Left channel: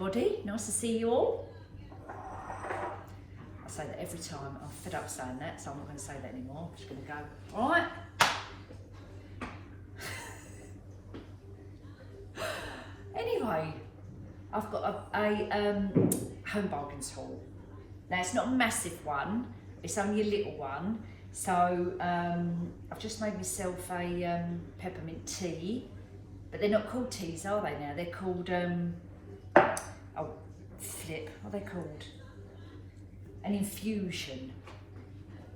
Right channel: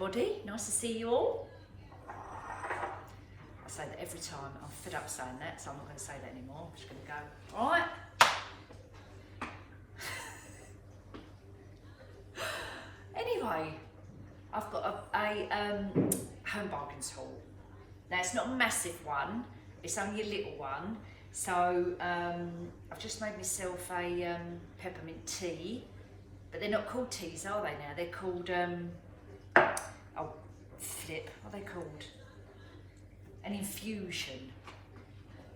everybody. Nice to see you all. I say that every time. I'm fed up saying that, so I'm not going to say that anymore. I'm just going to go, all right. Anyway, I've got a home bargains haul. Now, it's not a massive one. It's only a little one. So, I've just made myself a peppermint tea. But they're not called teas, are they now? They're called, oh, flip, what are they called? An infusion.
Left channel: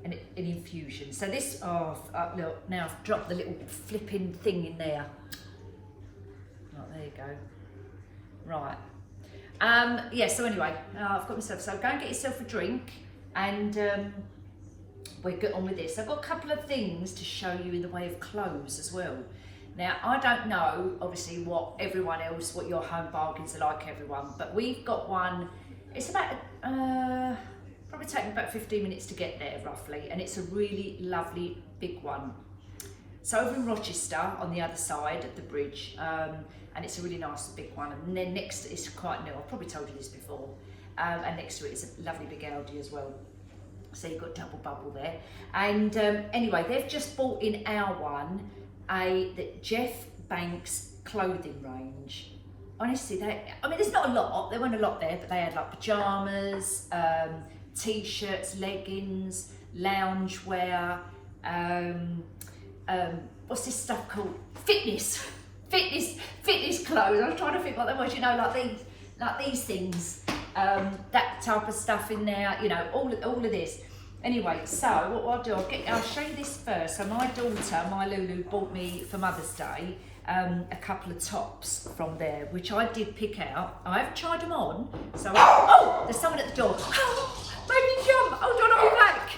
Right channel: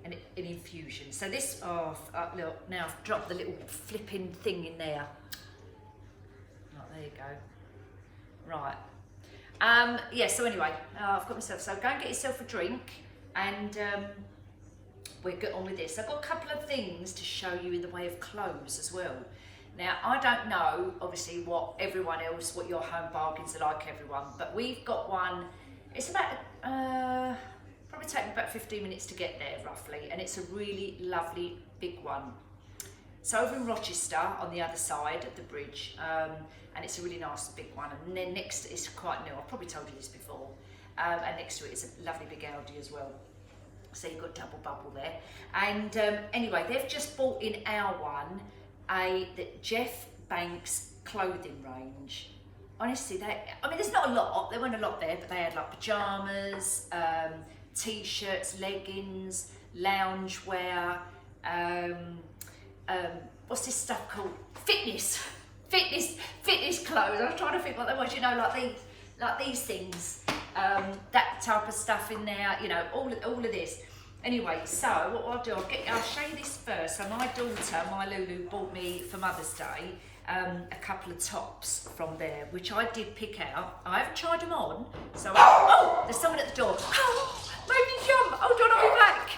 An infusion. So this, oh, look, now I've dropped the little flipping thing in there. Right, there you go. Right. Yeah, so anyway, I've got myself, so go and get yourself a drink and we'll get on with this. I've got a couple of things to show you in the way of clothes as well. Now, I don't know, obviously, what everyone else, what your home bargains are like, everyone, but we've got one. It's about, probably taking about 15 minutes to get there, roughly, and it's a really lovely big one. It's over in Rochester, on the other side of the bridge, and it's a really nice big one. And then next, it's quite new, I've probably told you this before, and next to it is a lovely big Aldi as well. So you've got double bubble there. And anyway, they've just bought in our one, the Jeff Banks clothing range. Honestly, I mean, there's not a lot, there weren't a lot there, but they had like pyjamas, t-shirts, leggings, loungewear, what's this stuff called? Fitness clothes. I was trying to think what they was, you know, like these things, that type of stuff in there, you know, all of this. Anyway, so what I'll do, I'll show you this first. So my daughter, my Lulu, bought me for Mother's Day a couple of tops from there, which I did pick out. I haven't tried them on, so oh, there's someone at the door. Oh, made me jump. Hold on, I'll be back.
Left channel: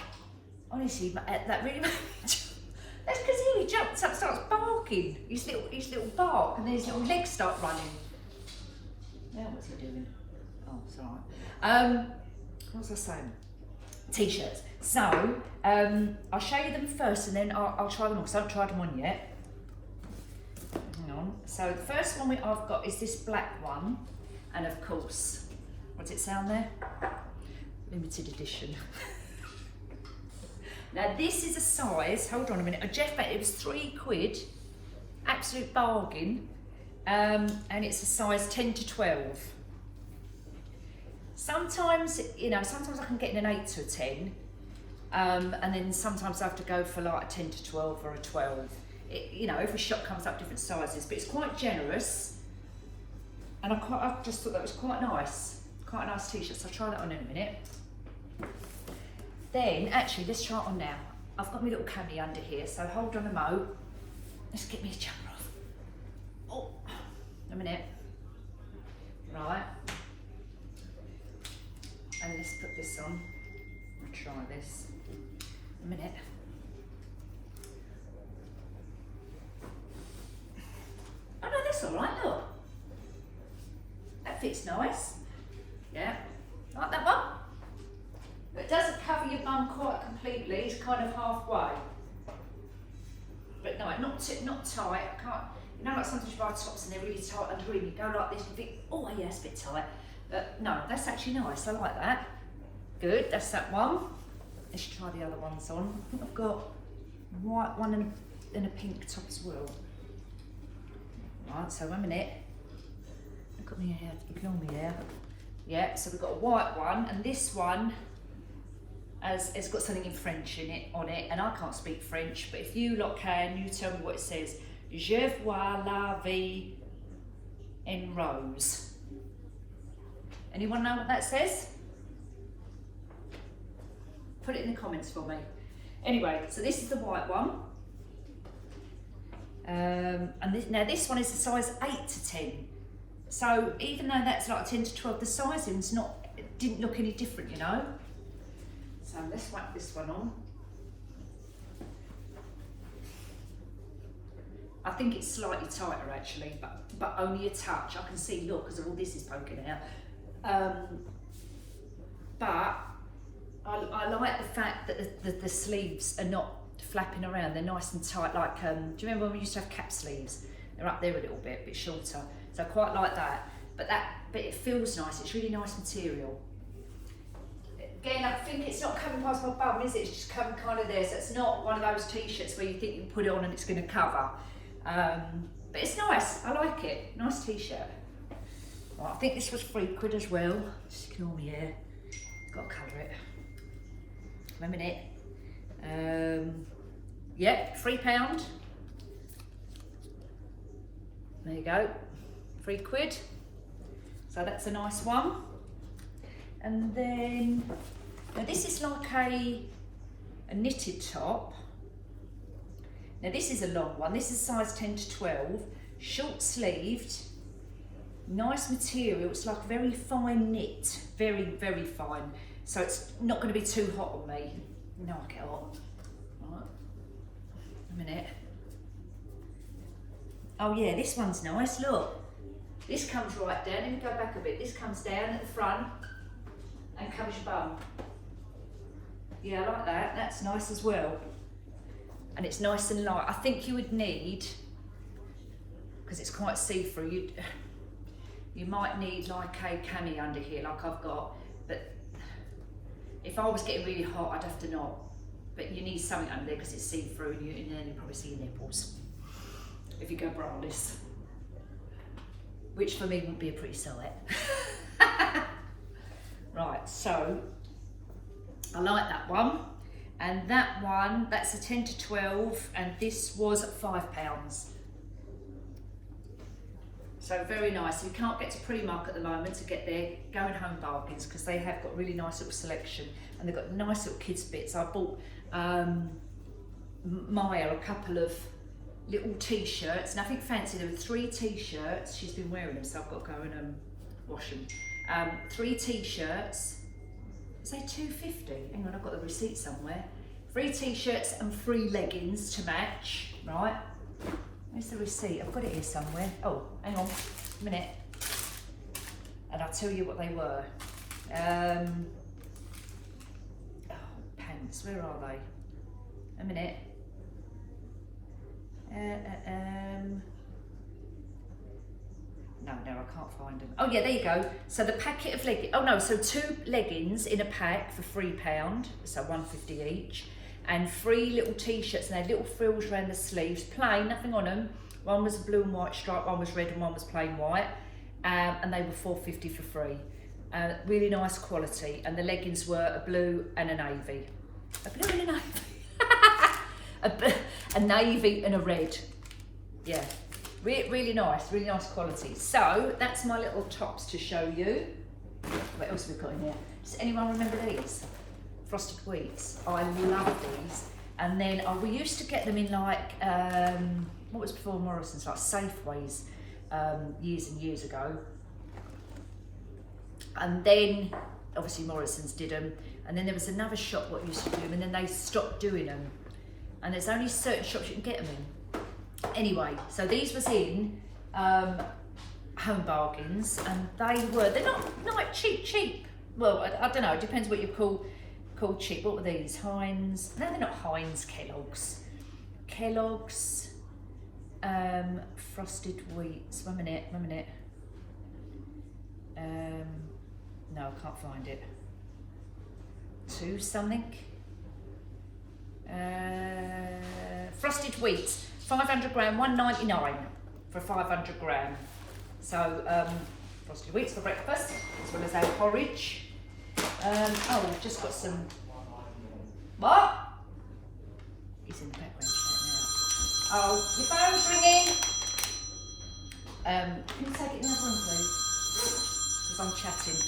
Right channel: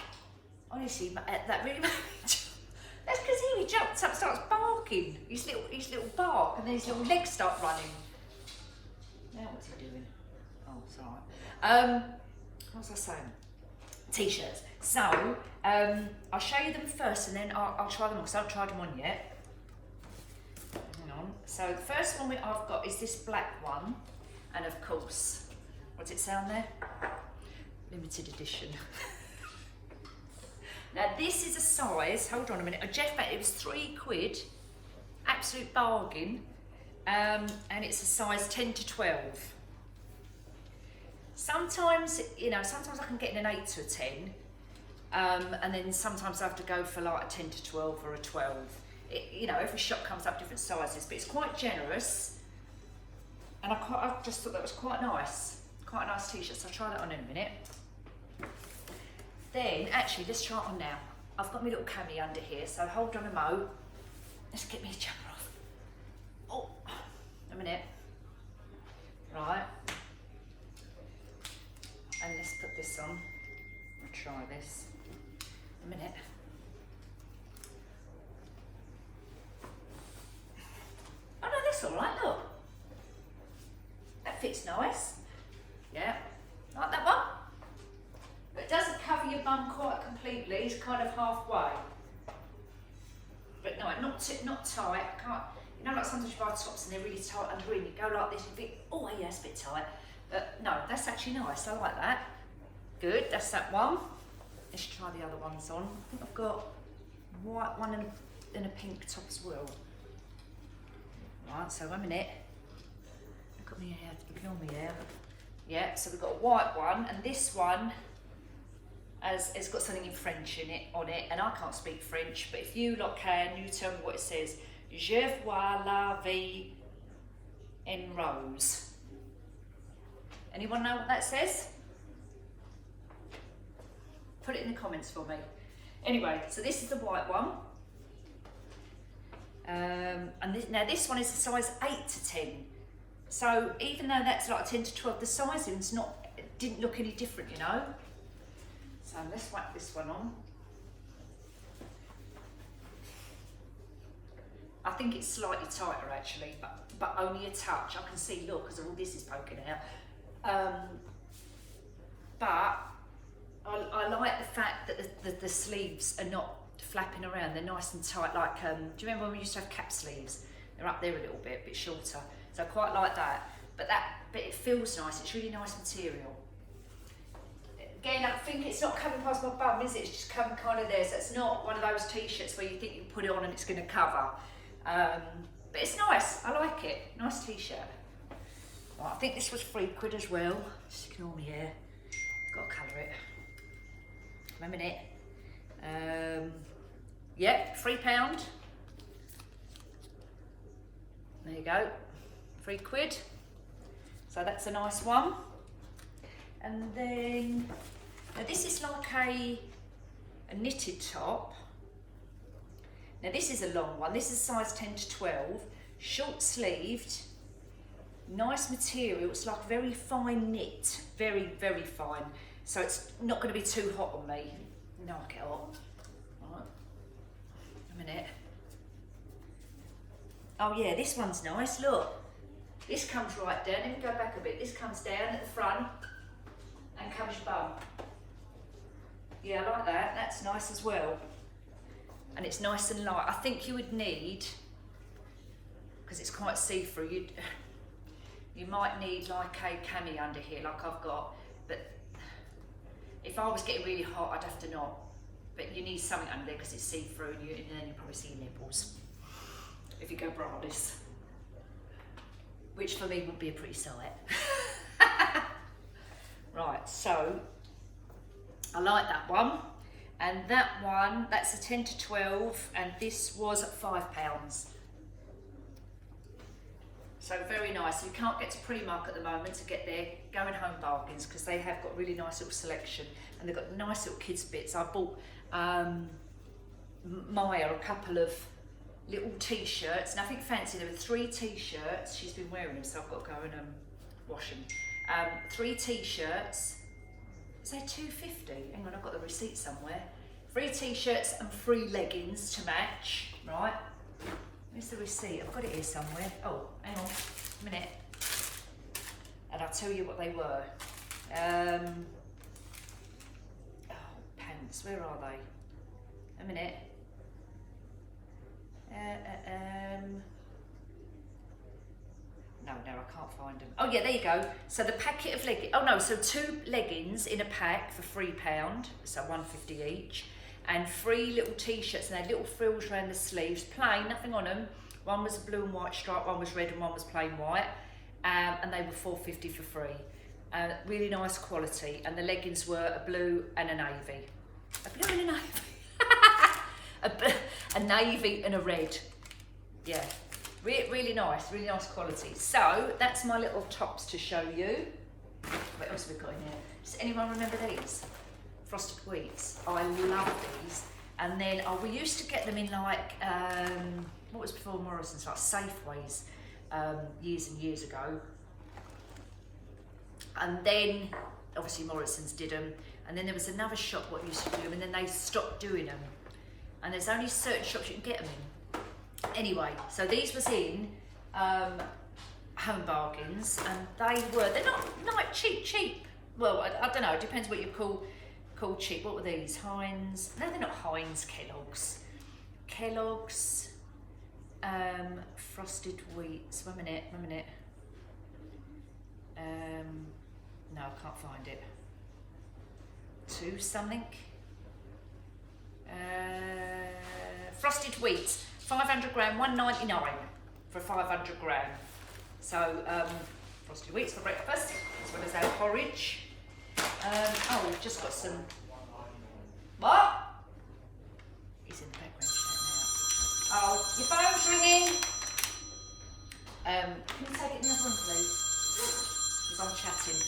Honestly, that really made me jump. That's because he jumps up, starts barking. His little bark, and then his little legs start running. Now what's he doing? Oh, it's all right. What was I saying? T-shirts. So, I'll show you them first and then I'll try them on, because I haven't tried them on yet. Hang on. So the first one I've got is this black one. And of course, what's it sound there? Limited edition. Now this is a size, hold on a minute, Jeff Banks, it was £3, absolute bargain. And it's a size 10 to 12. Sometimes, you know, sometimes I can get in an 8 to a 10, and then sometimes I have to go for like a 10 to 12 or a 12. You know, every shop comes up different sizes, but it's quite generous, and I just thought that was quite a nice t-shirt, so I'll try that on in a minute. Then, actually, let's try it on now. I've got my little cami under here, so hold on a mo. Let's get me a jumper off. Oh, a minute. Right. And let's put this on. I'll try this. A minute. Oh no, that's all right, look. That fits nice. Yeah, like that one. But it doesn't cover your bum quite completely, it's kind of halfway. But no, not tight, I can't, you know, like sometimes you buy tops and they're really tight under and you go like this and you think, oh yeah, it's a bit tight. But no, that's actually nice, I like that. Good, that's that one. Let's try the other ones on. I think I've got a white one and a pink top as well. Right, so 1 minute. Look at me here, ignore me there. Yeah, so we've got a white one, and this one it's got something in French on it, and I can't speak French, but if you lot can, you tell me what it says. Je vois la vie en rose. Anyone know what that says? Put it in the comments for me. Anyway, so this is the white one. And now this one is a size 8 to 10. So even though that's like 10 to 12, the sizing's didn't look any different, you know. So let's whack this one on. I think it's slightly tighter actually, but only a touch. I can see, look, because all this is poking out. But I like the fact that the sleeves are not flapping around. They're nice and tight. Like, do you remember when we used to have cap sleeves? They're up there a little bit shorter. So I quite like that. but it feels nice. It's really nice material. Again, I think it's not coming past my bum, is it? It's just coming kind of there. So it's not one of those t-shirts where you think you can put it on and it's going to cover. But it's nice. I like it. Nice t-shirt. Right, I think this was £3 as well. Just ignore me here. Got to colour it. Wait a minute. Yeah, £3. There you go. £3. So that's a nice one. And then, now this is like a knitted top. Now this is a long one. This is size 10 to 12, short sleeved, nice material. It's like very fine knit, very, very fine. So it's not going to be too hot on me. No, I get hot. Right. A minute. Oh yeah, this one's nice, look. This comes right down, let me go back a bit. This comes down at the front and covers your bum. Yeah, I like that, that's nice as well. And it's nice and light. I think you would need, because it's quite see-through, you might need like a cami under here, like I've got. But if I was getting really hot, I'd have to not. But you need something under there because it's see-through, and then you probably see your nipples if you go braless. Which for me would be a pretty sight. Right, so I like that one. And that one, that's a 10 to 12, and this was £5. So very nice. You can't get to Primark at the moment to get their going home bargains because they have got really nice little selection and they've got nice little kids bits. I bought Maya a couple of little t-shirts, nothing fancy. There were 3 t-shirts. She's been wearing them, so I've got to go and wash them. 3 t-shirts. Is they £2.50? Hang on, I've got the receipt somewhere. 3 t-shirts and 3 leggings to match. Right. Where's the receipt? I've got it here somewhere. Oh, hang on a minute. And I'll tell you what they were. Oh, pants. Where are they? A minute. No, I can't find them. Oh yeah, there you go. So the packet of leggings, oh no, so 2 leggings in a pack for £3, so £1.50 each, and 3 little t-shirts, and they had little frills around the sleeves, plain, nothing on them. One was a blue and white stripe, one was red, and one was plain white, and they were £4.50 for free. Really nice quality, and the leggings were a blue and a navy. A blue and a navy. a navy and a red. Yeah. Really nice quality. So that's my little tops to show you. What else have we got in here? Does anyone remember these? Frosted wheats. I love these. And then we used to get them in like, what was before Morrison's, like Safeways, years and years ago. And then obviously Morrison's did them. And then there was another shop what used to do them, and then they stopped doing them. And there's only certain shops you can get them in. Anyway, so these was in Home Bargains, and they're not like cheap. Well, I don't know, it depends what you call cheap. What were these? Heinz? No, they're not Heinz. Kellogg's frosted wheats. One minute. No, I can't find it. 2 something. Frosted wheats. 500 gram, $1.99 for 500 gram. So frosted wheats for breakfast, as well as our porridge. Oh, we've just got some. What? He's in the background chat now. Oh, your phone's ringing. Can you take it in the other room, please? Because I'm chatting.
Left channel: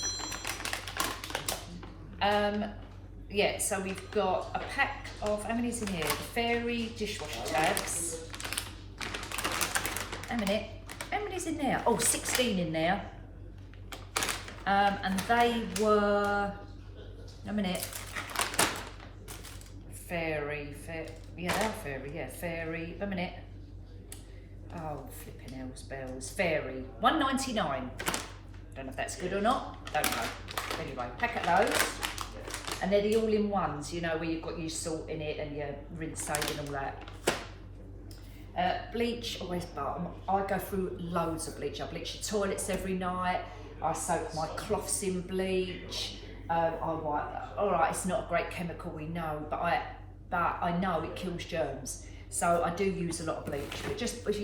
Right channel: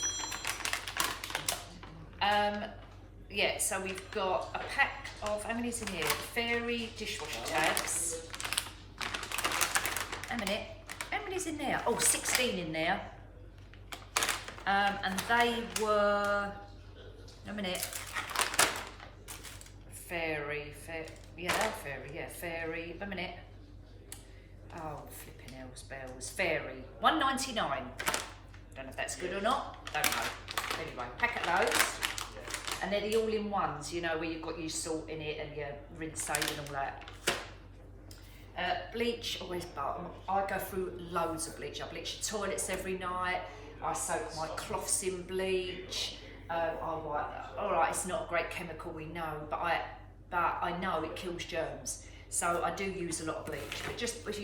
Yeah, so we've got a pack of, how many is in here? The fairy dishwasher tabs. A minute, how many's in there? Oh, 16 in there. And they were, a minute. Fairy, yeah, they're fairy, yeah, fairy, a minute. Oh, flipping hell's bells. Fairy, $1.99. Don't know if that's good or not, don't know. Anyway, pack of those. And they're the all-in-ones, you know, where you've got your salt in it and your rinse aid and all that. Bleach, always, but I go through loads of bleach. I bleach the toilets every night. I soak my cloths in bleach. I wipe. All right, it's not a great chemical, we know, but I know it kills germs. So I do use a lot of bleach. But just if get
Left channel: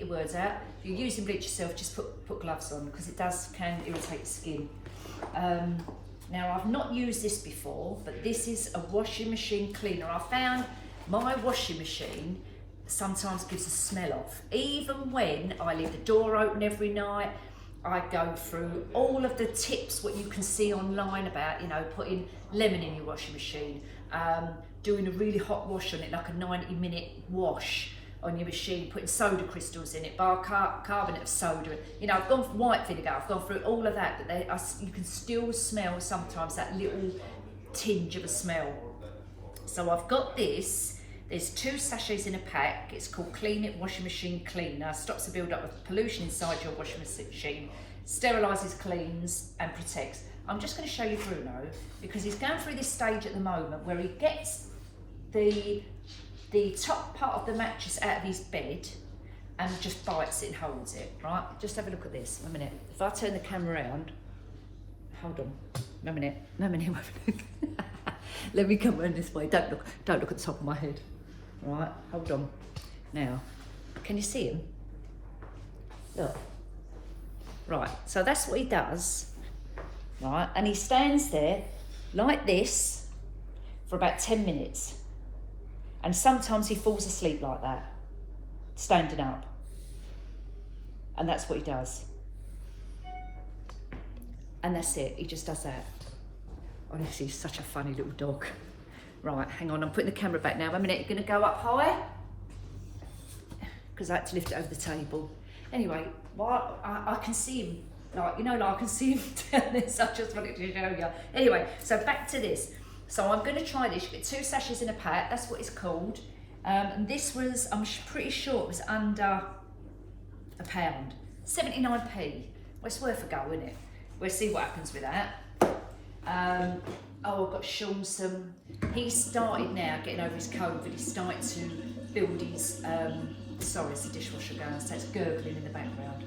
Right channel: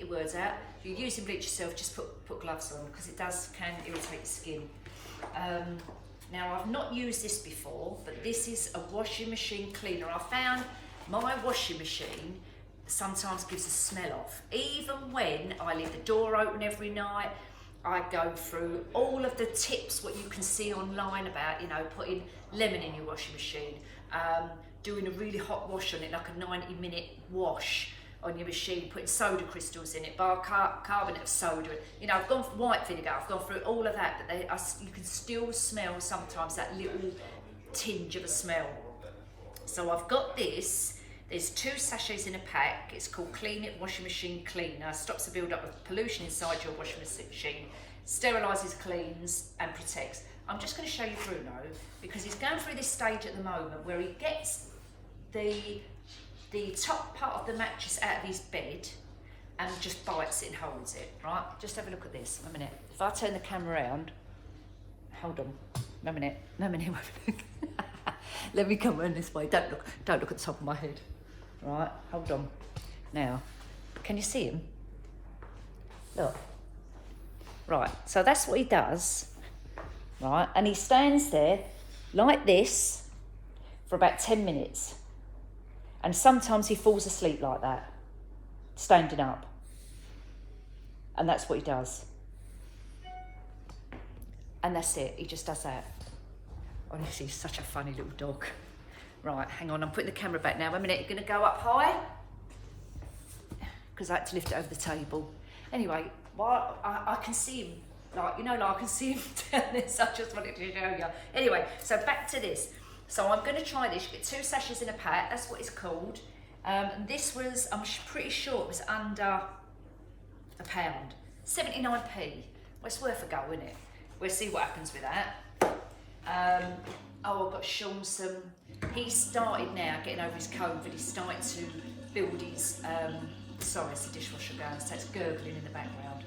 your words out. If you're using bleach yourself, just put gloves on, because it can irritate your skin. Now, I've not used this before, but this is a washing machine cleaner. I found my washing machine sometimes gives a smell off. Even when I leave the door open every night, I go through all of the tips, what you can see online about, you know, putting lemon in your washing machine, doing a really hot wash on it, like a 90-minute wash on your machine, putting soda crystals in it, bicarbonate of soda. You know, I've gone for white vinegar, I've gone through all of that, but you can still smell sometimes that little tinge of a smell. So I've got this. There's 2 sachets in a pack. It's called Clean It Washing Machine Cleaner. Stops the build-up of pollution inside your washing machine, sterilises, cleans and protects. I'm just going to show you Bruno, because he's going through this stage at the moment where he gets the top part of the mattress out of his bed and just bites it and holds it, right? Just have a look at this, a minute. If I turn the camera around, hold on, no minute. Let me come around this way, don't look at the top of my head. Right, hold on. Now, can you see him? Look. Right, so that's what he does, right? And he stands there like this for about 10 minutes. And sometimes he falls asleep like that, standing up. And that's what he does. And that's it, he just does that. Honestly, he's such a funny little dog. Right, hang on, I'm putting the camera back now. 1 minute, you're gonna go up high? Because I had to lift it over the table. Anyway, while I can see him, like, you know, like I can see him down there, so I just wanted to show you. Anyway, so back to this. So I'm gonna try this. You get 2 sachets in a pack, that's what it's called. And this was, I'm pretty sure it was under £1. 79p. Well, it's worth a go, isn't it? We'll see what happens with that. I've got Sean some, he's started now getting over his COVID, he's starting to build his, sorry, it's the dishwasher going, so it's gurgling in the background.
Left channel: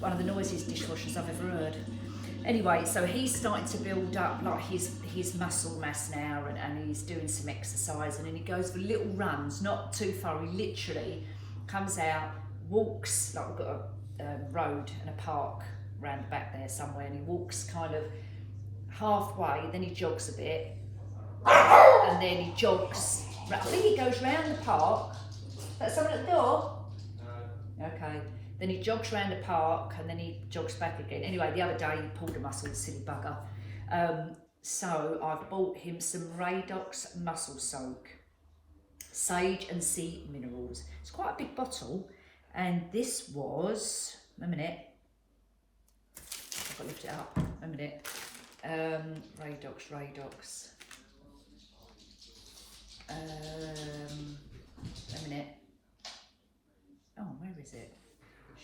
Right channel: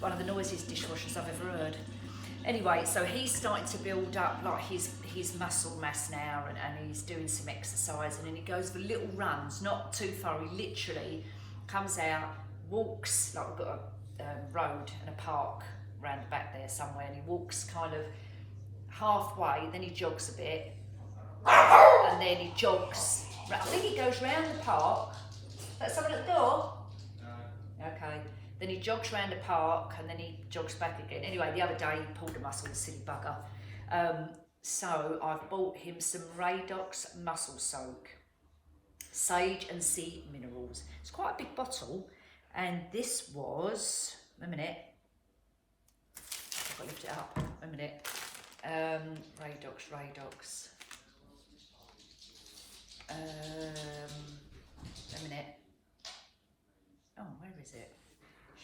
One of the noisiest dishwashers I've ever heard. Anyway, so he's starting to build up like his muscle mass now, and he's doing some exercise, and then he goes for little runs, not too far. He literally comes out, walks, like we've got a road and a park round the back there somewhere, and he walks kind of halfway, then he jogs a bit, and then he jogs, I think he goes round the park. Is that someone at the door? No. Okay. Then he jogs around the park, and then he jogs back again. Anyway, the other day he pulled a muscle, the silly bugger. So I've bought him some Radox Muscle Soak, Sage and Sea Minerals. It's quite a big bottle, and this was, a minute, I've got to lift it up, a minute. Radox. A minute. Oh, where is it?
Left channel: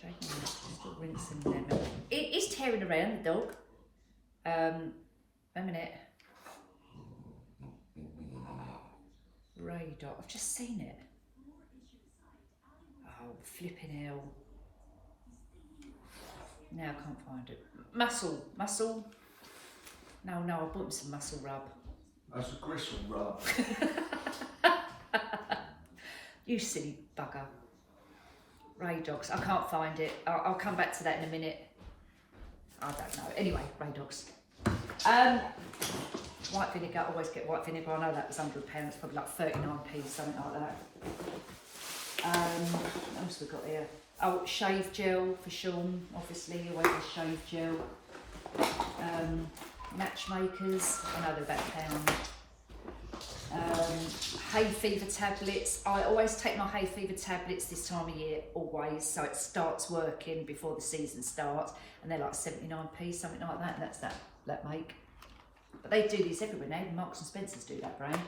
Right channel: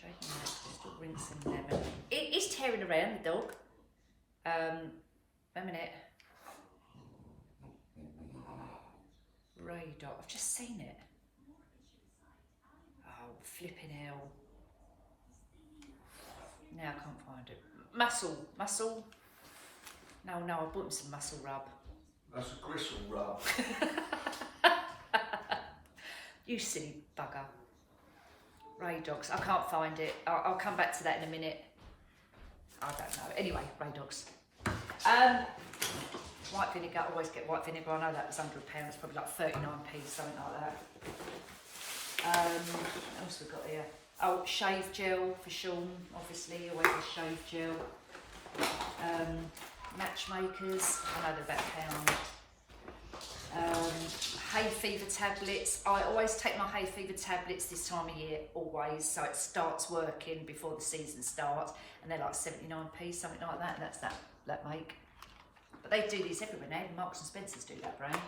Shaking it, still rinsing lemon. It is tearing around, the dog. A minute. Radox, I've just seen it. Oh, flipping hell. Now I can't find it. Muscle. No, I bought him some muscle rub. That's a gristle rub. You silly bugger. Radox, I can't find it. I'll come back to that in a minute. I don't know. Anyway, Radox. White vinegar, always get white vinegar. I know that was under £1, it's probably like 39p, something like that. What else we got here? Oh, shave gel for Sean, obviously, always a shave gel. Matchmakers, I know they're about £1. Hay fever tablets. I always take my hay fever tablets this time of year, always, so it starts working before the season starts, and they're like 79p, something like that, and that's that make. But they do these everywhere now, Marks and Spencer's do that brand.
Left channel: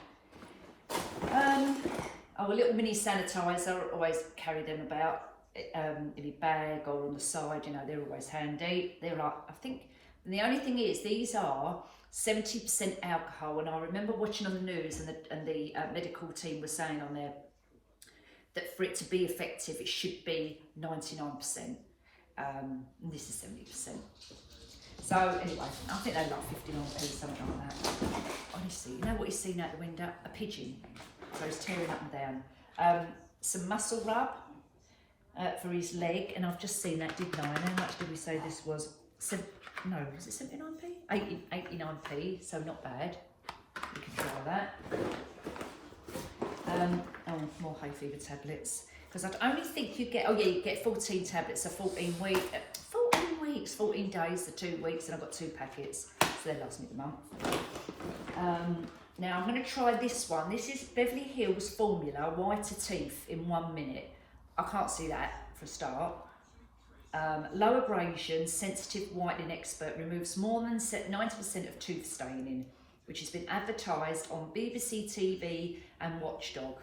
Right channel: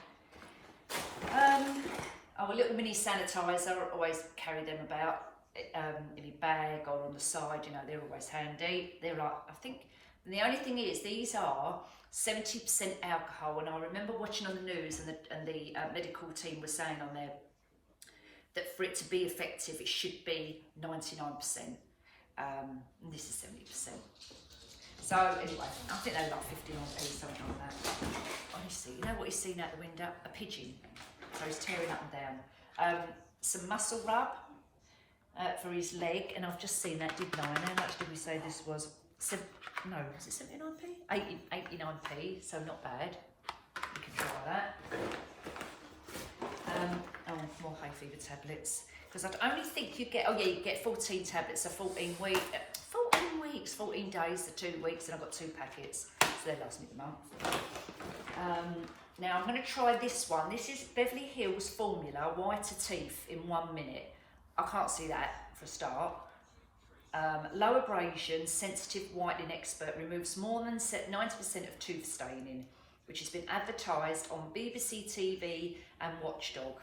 A little mini sanitizer, always carry them about in a bag or on the side, you know, they're always handy. They're like, I think, and the only thing is, these are 70% alcohol, and I remember watching on the news, and the medical team was saying on their that for it to be effective, it should be 99%. And this is 70%. So anyway, I think they're like 59p, something like that. Honestly, you know what he's seen out the window? A pigeon. So he's tearing up and down. Some muscle rub for his leg, and I've just seen that, didn't I? And how much did we say this was? No, was it 79p? 89p, so not bad. You can try that. Oh, more hay fever tablets. Because I'd only think you get, oh yeah, you get 14 tablets, so 14 weeks, 14 days, so 2 weeks, and I've got 2 packets, so they last me the month. Now I'm going to try this one. This is Beverly Hills Formula Whiter Teeth in 1 minute. I can't see that for a start. Low abrasion, sensitive whitening expert, removes more than 90% of tooth staining, which has been advertised on BBC TV and Watchdog.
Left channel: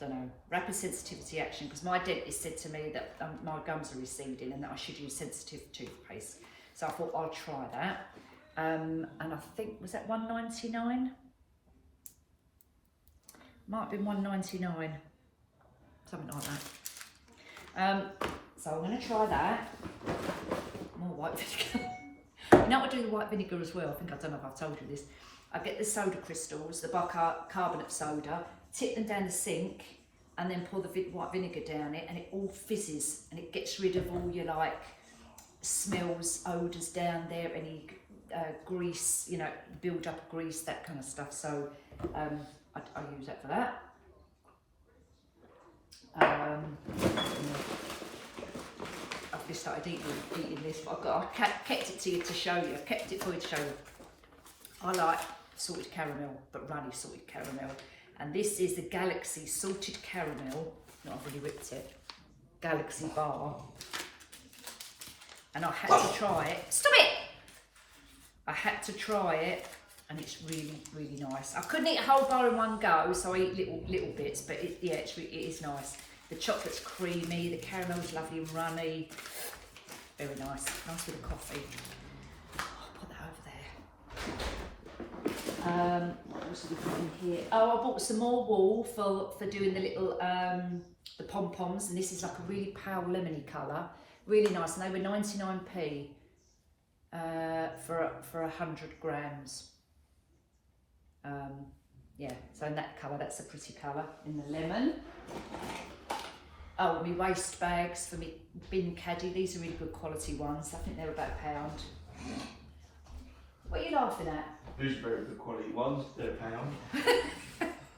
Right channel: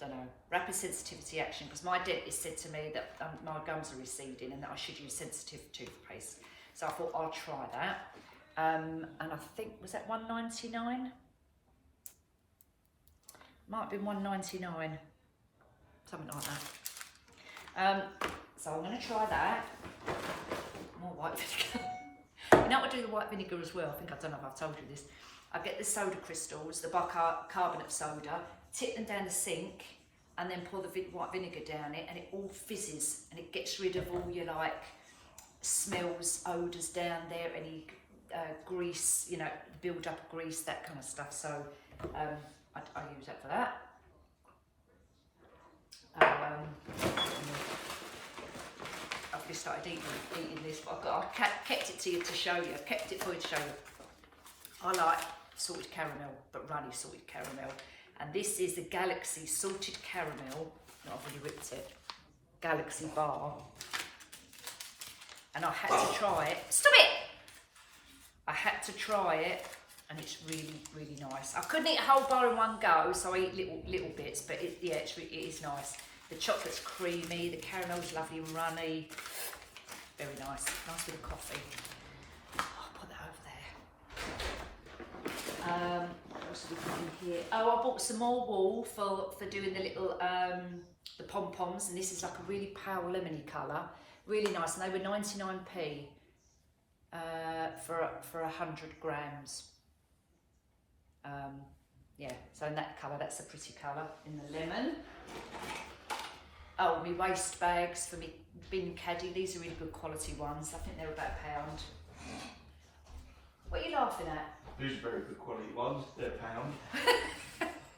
Don't know, rapid sensitivity action, because my dentist said to me that my gums are receding and that I should use sensitive toothpaste. So I thought I'll try that. And I think, was that $1.99? Might have been $1.99, something like that. So I'm going to try that. More white vinegar. You know, I do the white vinegar as well. I don't know if I've told you this. I get the soda crystals, the bicarbonate soda, tip them down the sink, and then pour the white vinegar down it, and it all fizzes, and it gets rid of all your like smells, odours down there, any grease, you know, build up of grease, that kind of stuff. So I use that for that. I've just started eating this, but I kept it to you to show you. I've kept it for you to show you. I like salted caramel, but runny salted caramel. And this is the Galaxy Salted Caramel. No, I've really whipped it. Galaxy bar. And I had to try it. Stop it! I had to try it, and it's really, really nice. I couldn't eat a whole bar in one go, so I eat little bits, but it is nice. The chocolate's creamy, the caramel's lovely and runny. Very nice. Nice with a coffee. I'll put that over there. What else have we got in here? Oh, I bought some more wool for doing the little the pom-poms, and this is like a really pale lemony colour. Really nice, and they were 99p for 100 grams. Yeah, so in that colour, that's a pretty colour, in the lemon. Oh, my waste bags for me bin caddy. These are really good quality ones. I think they're about £1. What are you laughing at? These are very good quality ones. They're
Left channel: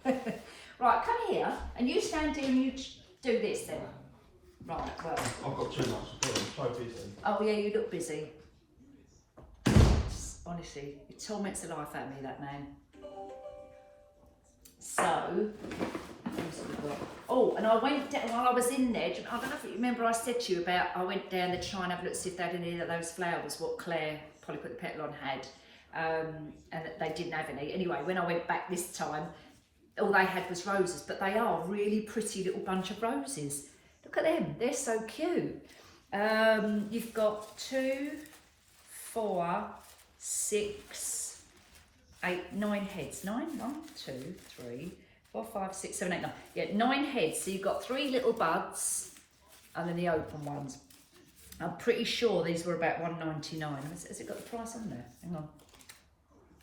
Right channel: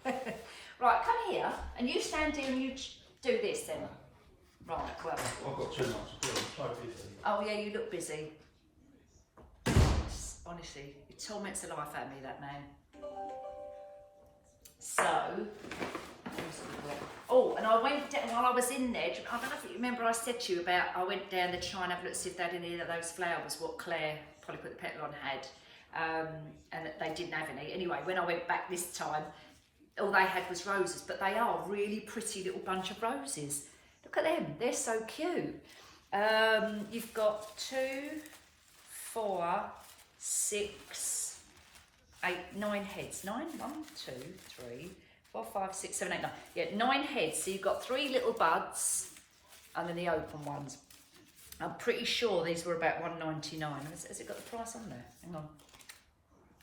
£1. Right, come here, and you stand here and you do this then. Right, well. I've got too much to do. I'm so busy. Oh yeah, you look busy. Honestly, it torments the life out of me, that man. So, oh, and I went down, while I was in there, I don't know if you remember I said to you about, I went down to try and have a look to see if they had any of those flowers, what Claire, Polly Put the Petal On, had. And that they didn't have any. Anyway, when I went back this time, all they had was roses, but they are a really pretty little bunch of roses. Look at them, they're so cute. You've got 2, 4, 6, 8, 9 heads. 9, 1, 2, 3, 4, 5, 6, 7, 8, 9. Yeah, 9 heads. So you've got 3 little buds and then the open ones. I'm pretty sure these were about $1.99. Has it got the price on there? Hang on.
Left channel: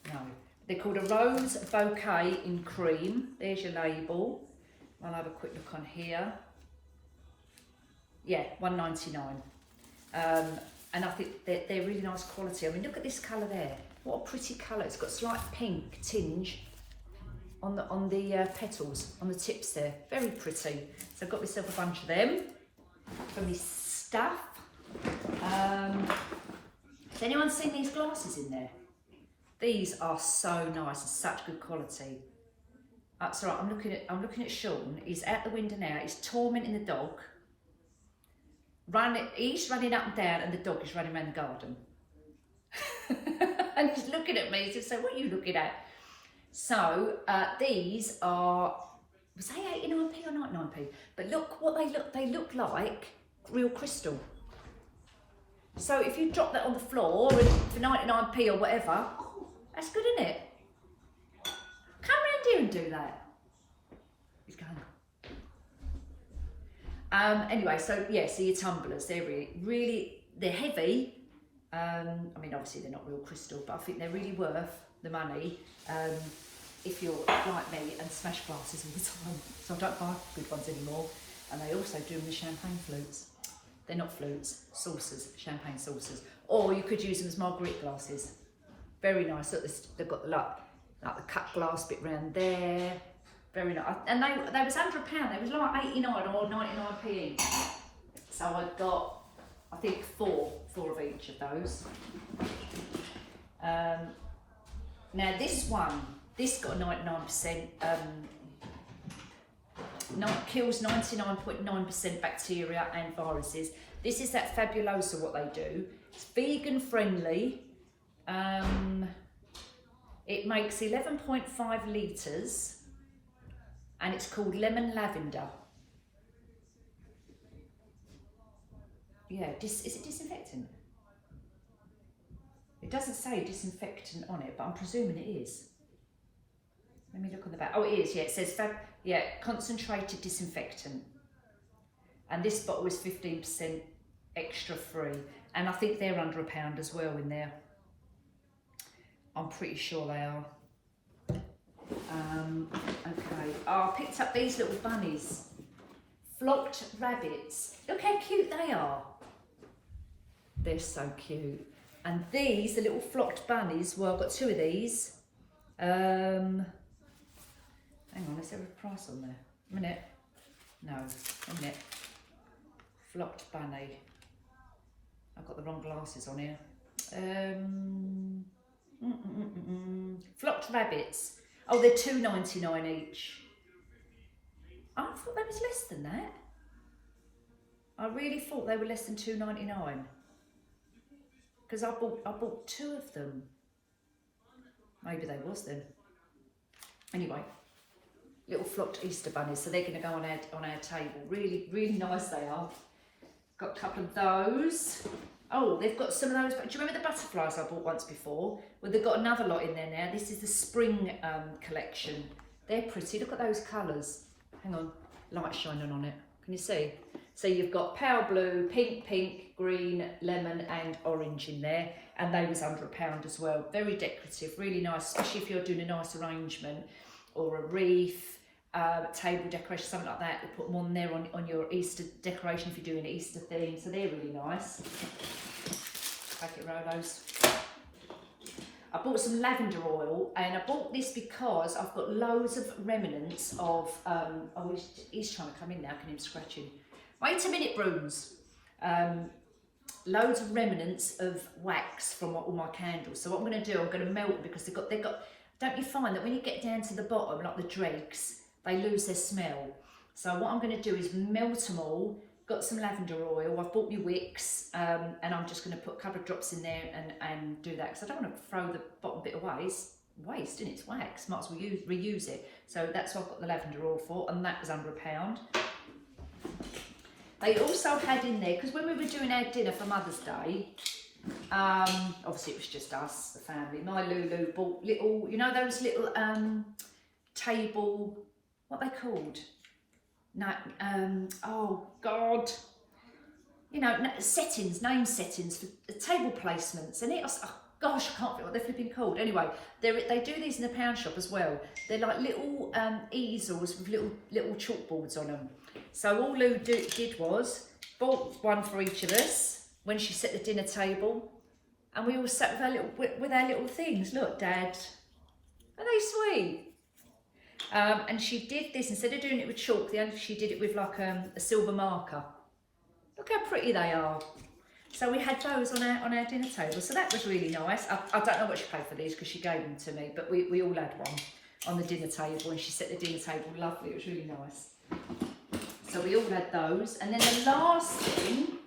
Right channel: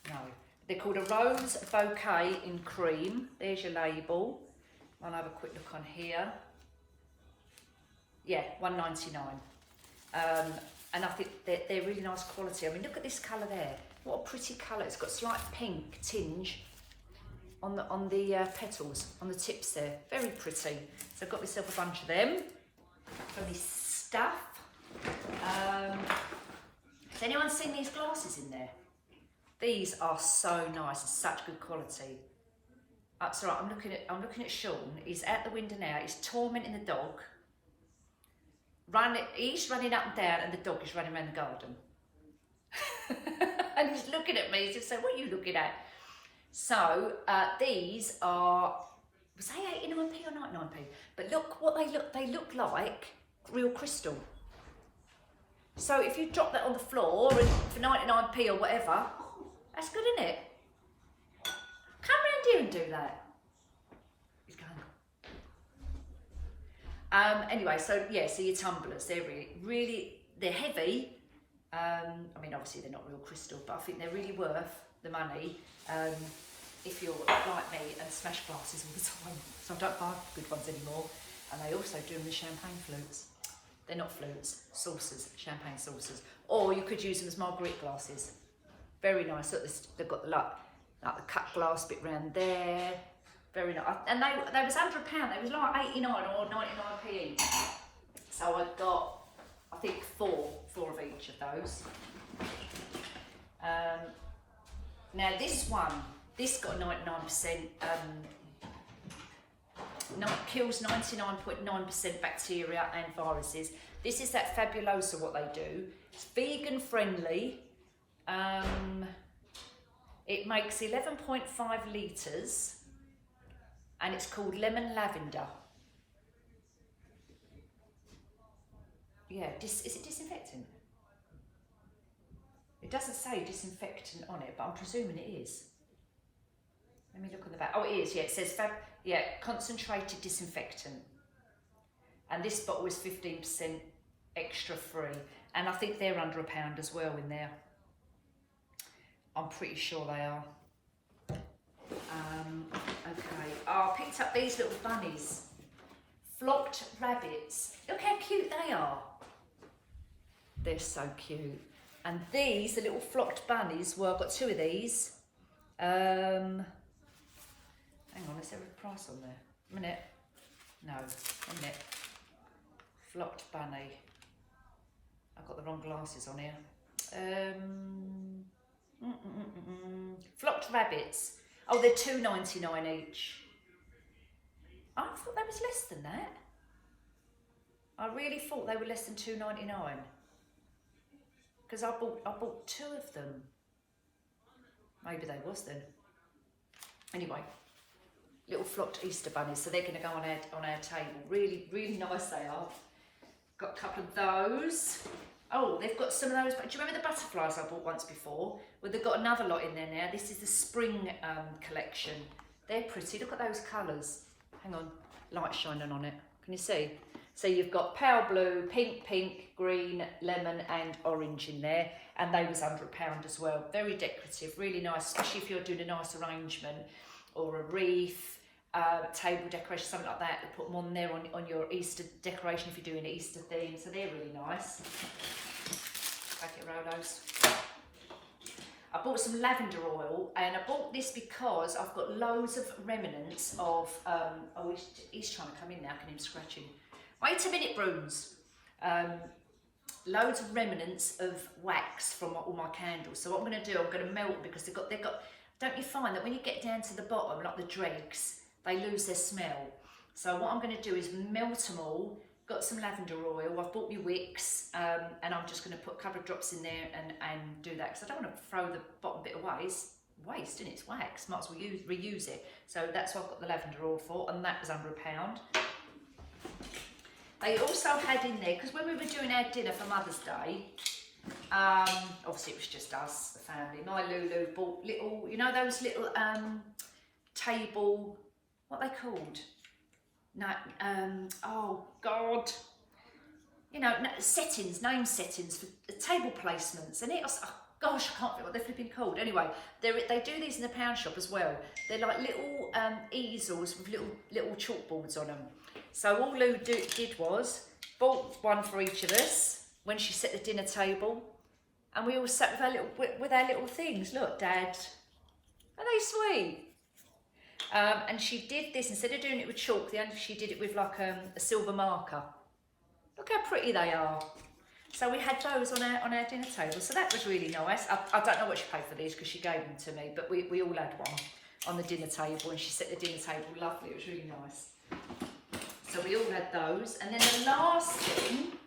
No. They're called a Rose Bouquet in Cream. There's your label. I'll have a quick look on here. Yeah, $1.99. And I think they're really nice quality. I mean, look at this colour there. What a pretty colour. It's got slight pink tinge on the petals, on the tips there. Very pretty. So I've got myself a bunch of them for my stuff. Has anyone seen these glasses in there? These are so nice and such good quality. That's all right. I'm looking at Sean. He's out the window now. He's tormenting the dog. He's running up and down, and the dog is running around the garden. And he's looking at me. He said, "So what are you looking at?" So these are, was they 89p or 99p? But look what they look like real crystal. So if you drop that on the floor and for 99p or whatever, that's good, isn't it? Come round here and do that. He's going. Anyway, so yeah, so your tumblers, they're really, they're heavy. I mean, obviously they're not real crystal, but I think they're really worth the money if you're like me and smash glasses all the time. So I don't buy good ones anymore. And they also do them with champagne flutes. They're not flutes, saucers, champagne saucers. Or you could use them as marguerite glasses. Very nice. Look, they've got the like the cut glass bit round there. Very nice. And they was under £1. They was like 89 or 99p each. So I got, I think, four of each of those. Now this one, this got 99%. Kills 99.9% bacteria and viruses. This is that Fabulosa, what they do. It's vegan friendly. It makes 11.5 litres and it's called Lemon Lavender. Yeah, is it disinfectant? It doesn't say disinfectant on it, but I'm presuming it is. Let me look on the back. Oh, it is, yeah, it says concentrated disinfectant. And this bottle is 15% extra free. And I think they're under £1 as well in there. I'm pretty sure they are. Okay, I picked up these little bunnies. Flocked rabbits. Look how cute they are. They're so cute. And these, the little flocked bunnies, well, I've got two of these. Hang on, is there a price on there? A minute. No, a minute. Flocked bunny. I've got the wrong glasses on here. Flocked rabbits. Oh, they're £2.99 each. I thought they was less than that. I really thought they were less than £2.99. Because I bought two of them. Maybe they was then. Anyway, little flocked Easter bunnies, so they're going to go on our table. Really, really nice they are. Got a couple of those. Oh, they've got some of those. But do you remember the butterflies I bought once before? Well, they've got another lot in there now. This is the spring collection. They're pretty. Look at those colours. Hang on, light shining on it. Can you see? So you've got pale blue, pink, green, lemon and orange in there. And they was under £1 as well. Very decorative, really nice, especially if you're doing a nice arrangement or a wreath, table decoration, something like that. They put them on there on your Easter decoration if you're doing an Easter theme. So they're really nice. Packet Rolos. I bought some lavender oil, and I bought this because I've got loads of remnants of, oh, he's trying to come in now, I can hear him scratching. Wait a minute, Bruns. Loads of remnants of wax from all my candles. So what I'm going to do, I'm going to melt them because they've got, don't you find that when you get down to the bottom, like the dregs, they lose their smell. So what I'm going to do is melt them all. Got some lavender oil, I've bought my wicks, and I'm just going to put a couple of drops in there and do that, because I don't want to throw the bottom bit away. It's waste, isn't it? It's wax, might as well reuse it. So that's what I've got the lavender oil for, and that was under £1. They also had in there, because when we were doing our dinner for Mother's Day, obviously it was just us, the family, my Lulu bought little, you know those little table, what are they called? No, oh God, you know, settings, name settings for table placements, and oh gosh, I can't think what they're flipping called. Anyway, they do these in the pound shop as well. They're like little easels with little chalkboards on them. So all Lou did was bought one for each of us when she set the dinner table, and we all sat with our little things. Look, Dad, are they sweet? And she did this, instead of doing it with chalk, she did it with like a silver marker. Look how pretty they are. So we had those on our dinner table, so that was really nice. I don't know what she paid for these because she gave them to me, but we all had one on the dinner table, and she set the dinner table lovely. It was really nice. So we all had those, and then the last thing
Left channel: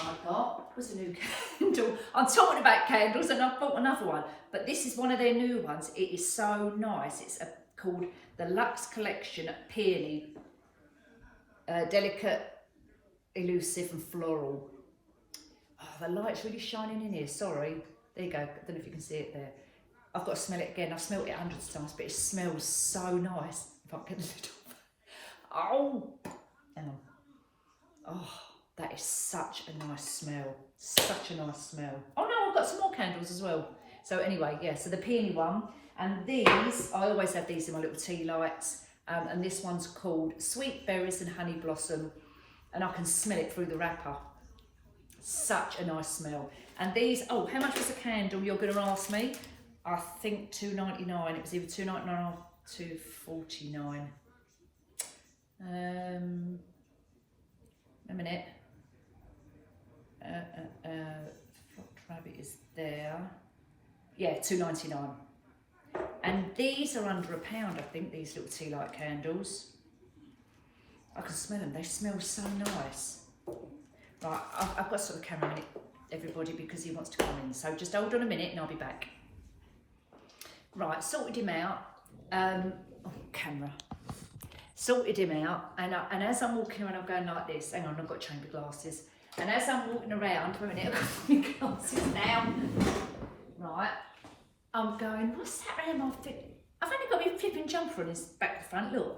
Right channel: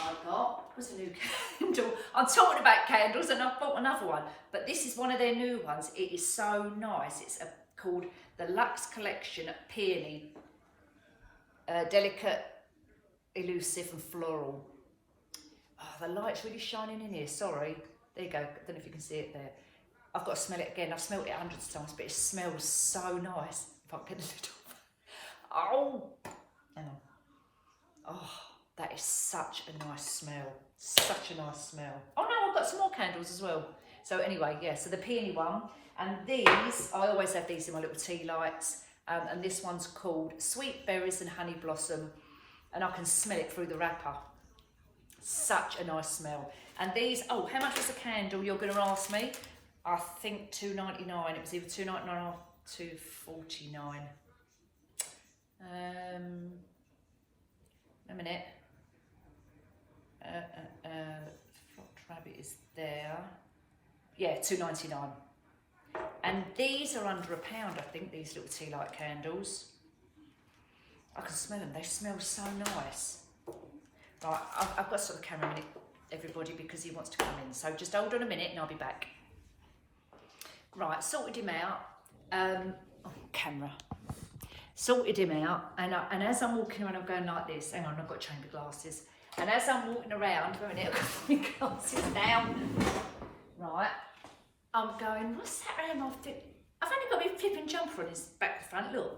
I got was a new candle. I'm talking about candles, and I've bought another one, but this is one of their new ones. It is so nice. It's called the Luxe Collection Peony. Delicate, elusive and floral. Oh, the light's really shining in here, sorry. There you go, I don't know if you can see it there. I've got to smell it again. I've smelled it hundreds of times, but it smells so nice. If I can get the lid off. Oh, hang on. Oh, that is such a nice smell. Such a nice smell. Oh no, I've got some more candles as well. So anyway, yeah, so the peony one. And these, I always have these in my little tea lights. And this one's called Sweet Berries and Honey Blossom. And I can smell it through the wrapper. Such a nice smell. And these, oh, how much was a candle, you're going to ask me? I think $2.99. It was either $2.99 or $2.49. A minute. Flocked rabbit is there. Yeah, $2.99. And these are under £1, I think, these little tea light candles. I can smell them, they smell so nice. Right, I've got to sort of camera in it, everybody, because he wants to come in. So just hold on a minute and I'll be back. Right, sorted him out. Camera. Sorted him out, and as I'm walking around, I'm going like this. Hang on, I've got chamber glasses. And as I'm walking around, for a minute, I've got my glasses now. Right, I'm going, what's that around my flip? I've only got my flipping jumper on his back to front, look.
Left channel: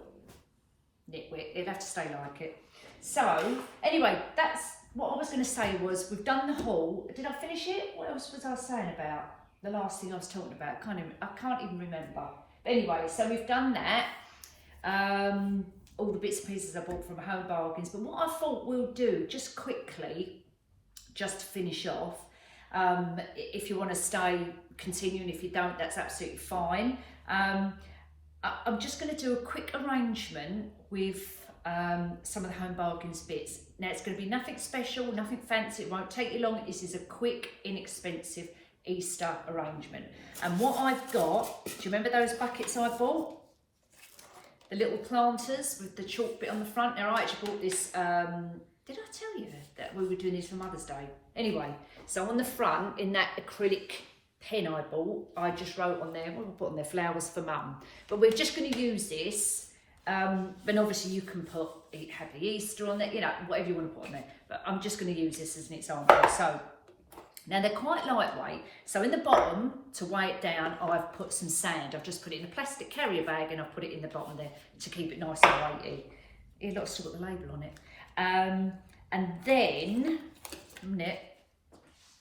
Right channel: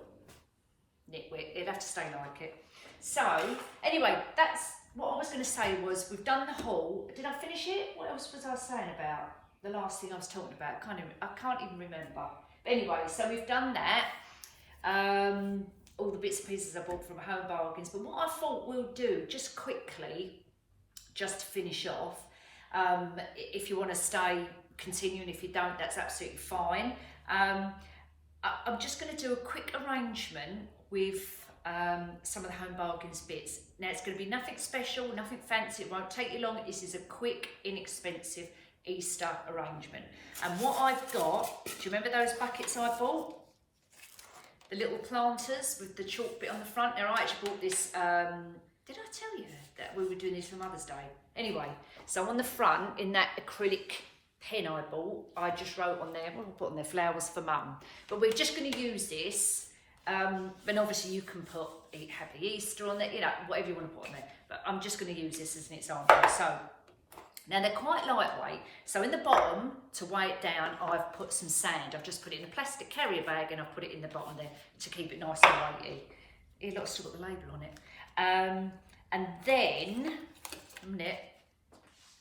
Nitwit, it'll have to stay like it. So, anyway, that's what I was going to say was, we've done the haul. Did I finish it? What else was I saying about? The last thing I was talking about, I can't even remember. But anyway, so we've done that. All the bits and pieces I bought from Home Bargains. But what I thought we'll do, just quickly, just to finish off, if you want to stay, continue, and if you don't, that's absolutely fine. I'm just going to do a quick arrangement with some of the Home Bargains bits. Now, it's going to be nothing special, nothing fancy, it won't take you long. This is a quick, inexpensive Easter arrangement. And what I've got, do you remember those buckets I bought? The little planters with the chalk bit on the front. Now, I actually bought this, did I tell you that we were doing this for Mother's Day? Anyway, so on the front, in that acrylic pen I bought, I just wrote on there, what did I put on there? Flowers for Mum. But we're just going to use this, and obviously you can put Happy Easter on there, you know, whatever you want to put on there. But I'm just going to use this as an example. So, now they're quite lightweight, so in the bottom, to weigh it down, I've put some sand. I've just put it in a plastic carrier bag and I've put it in the bottom there to keep it nice and weighty. Here, look, I've still got the label on it. And then, a minute,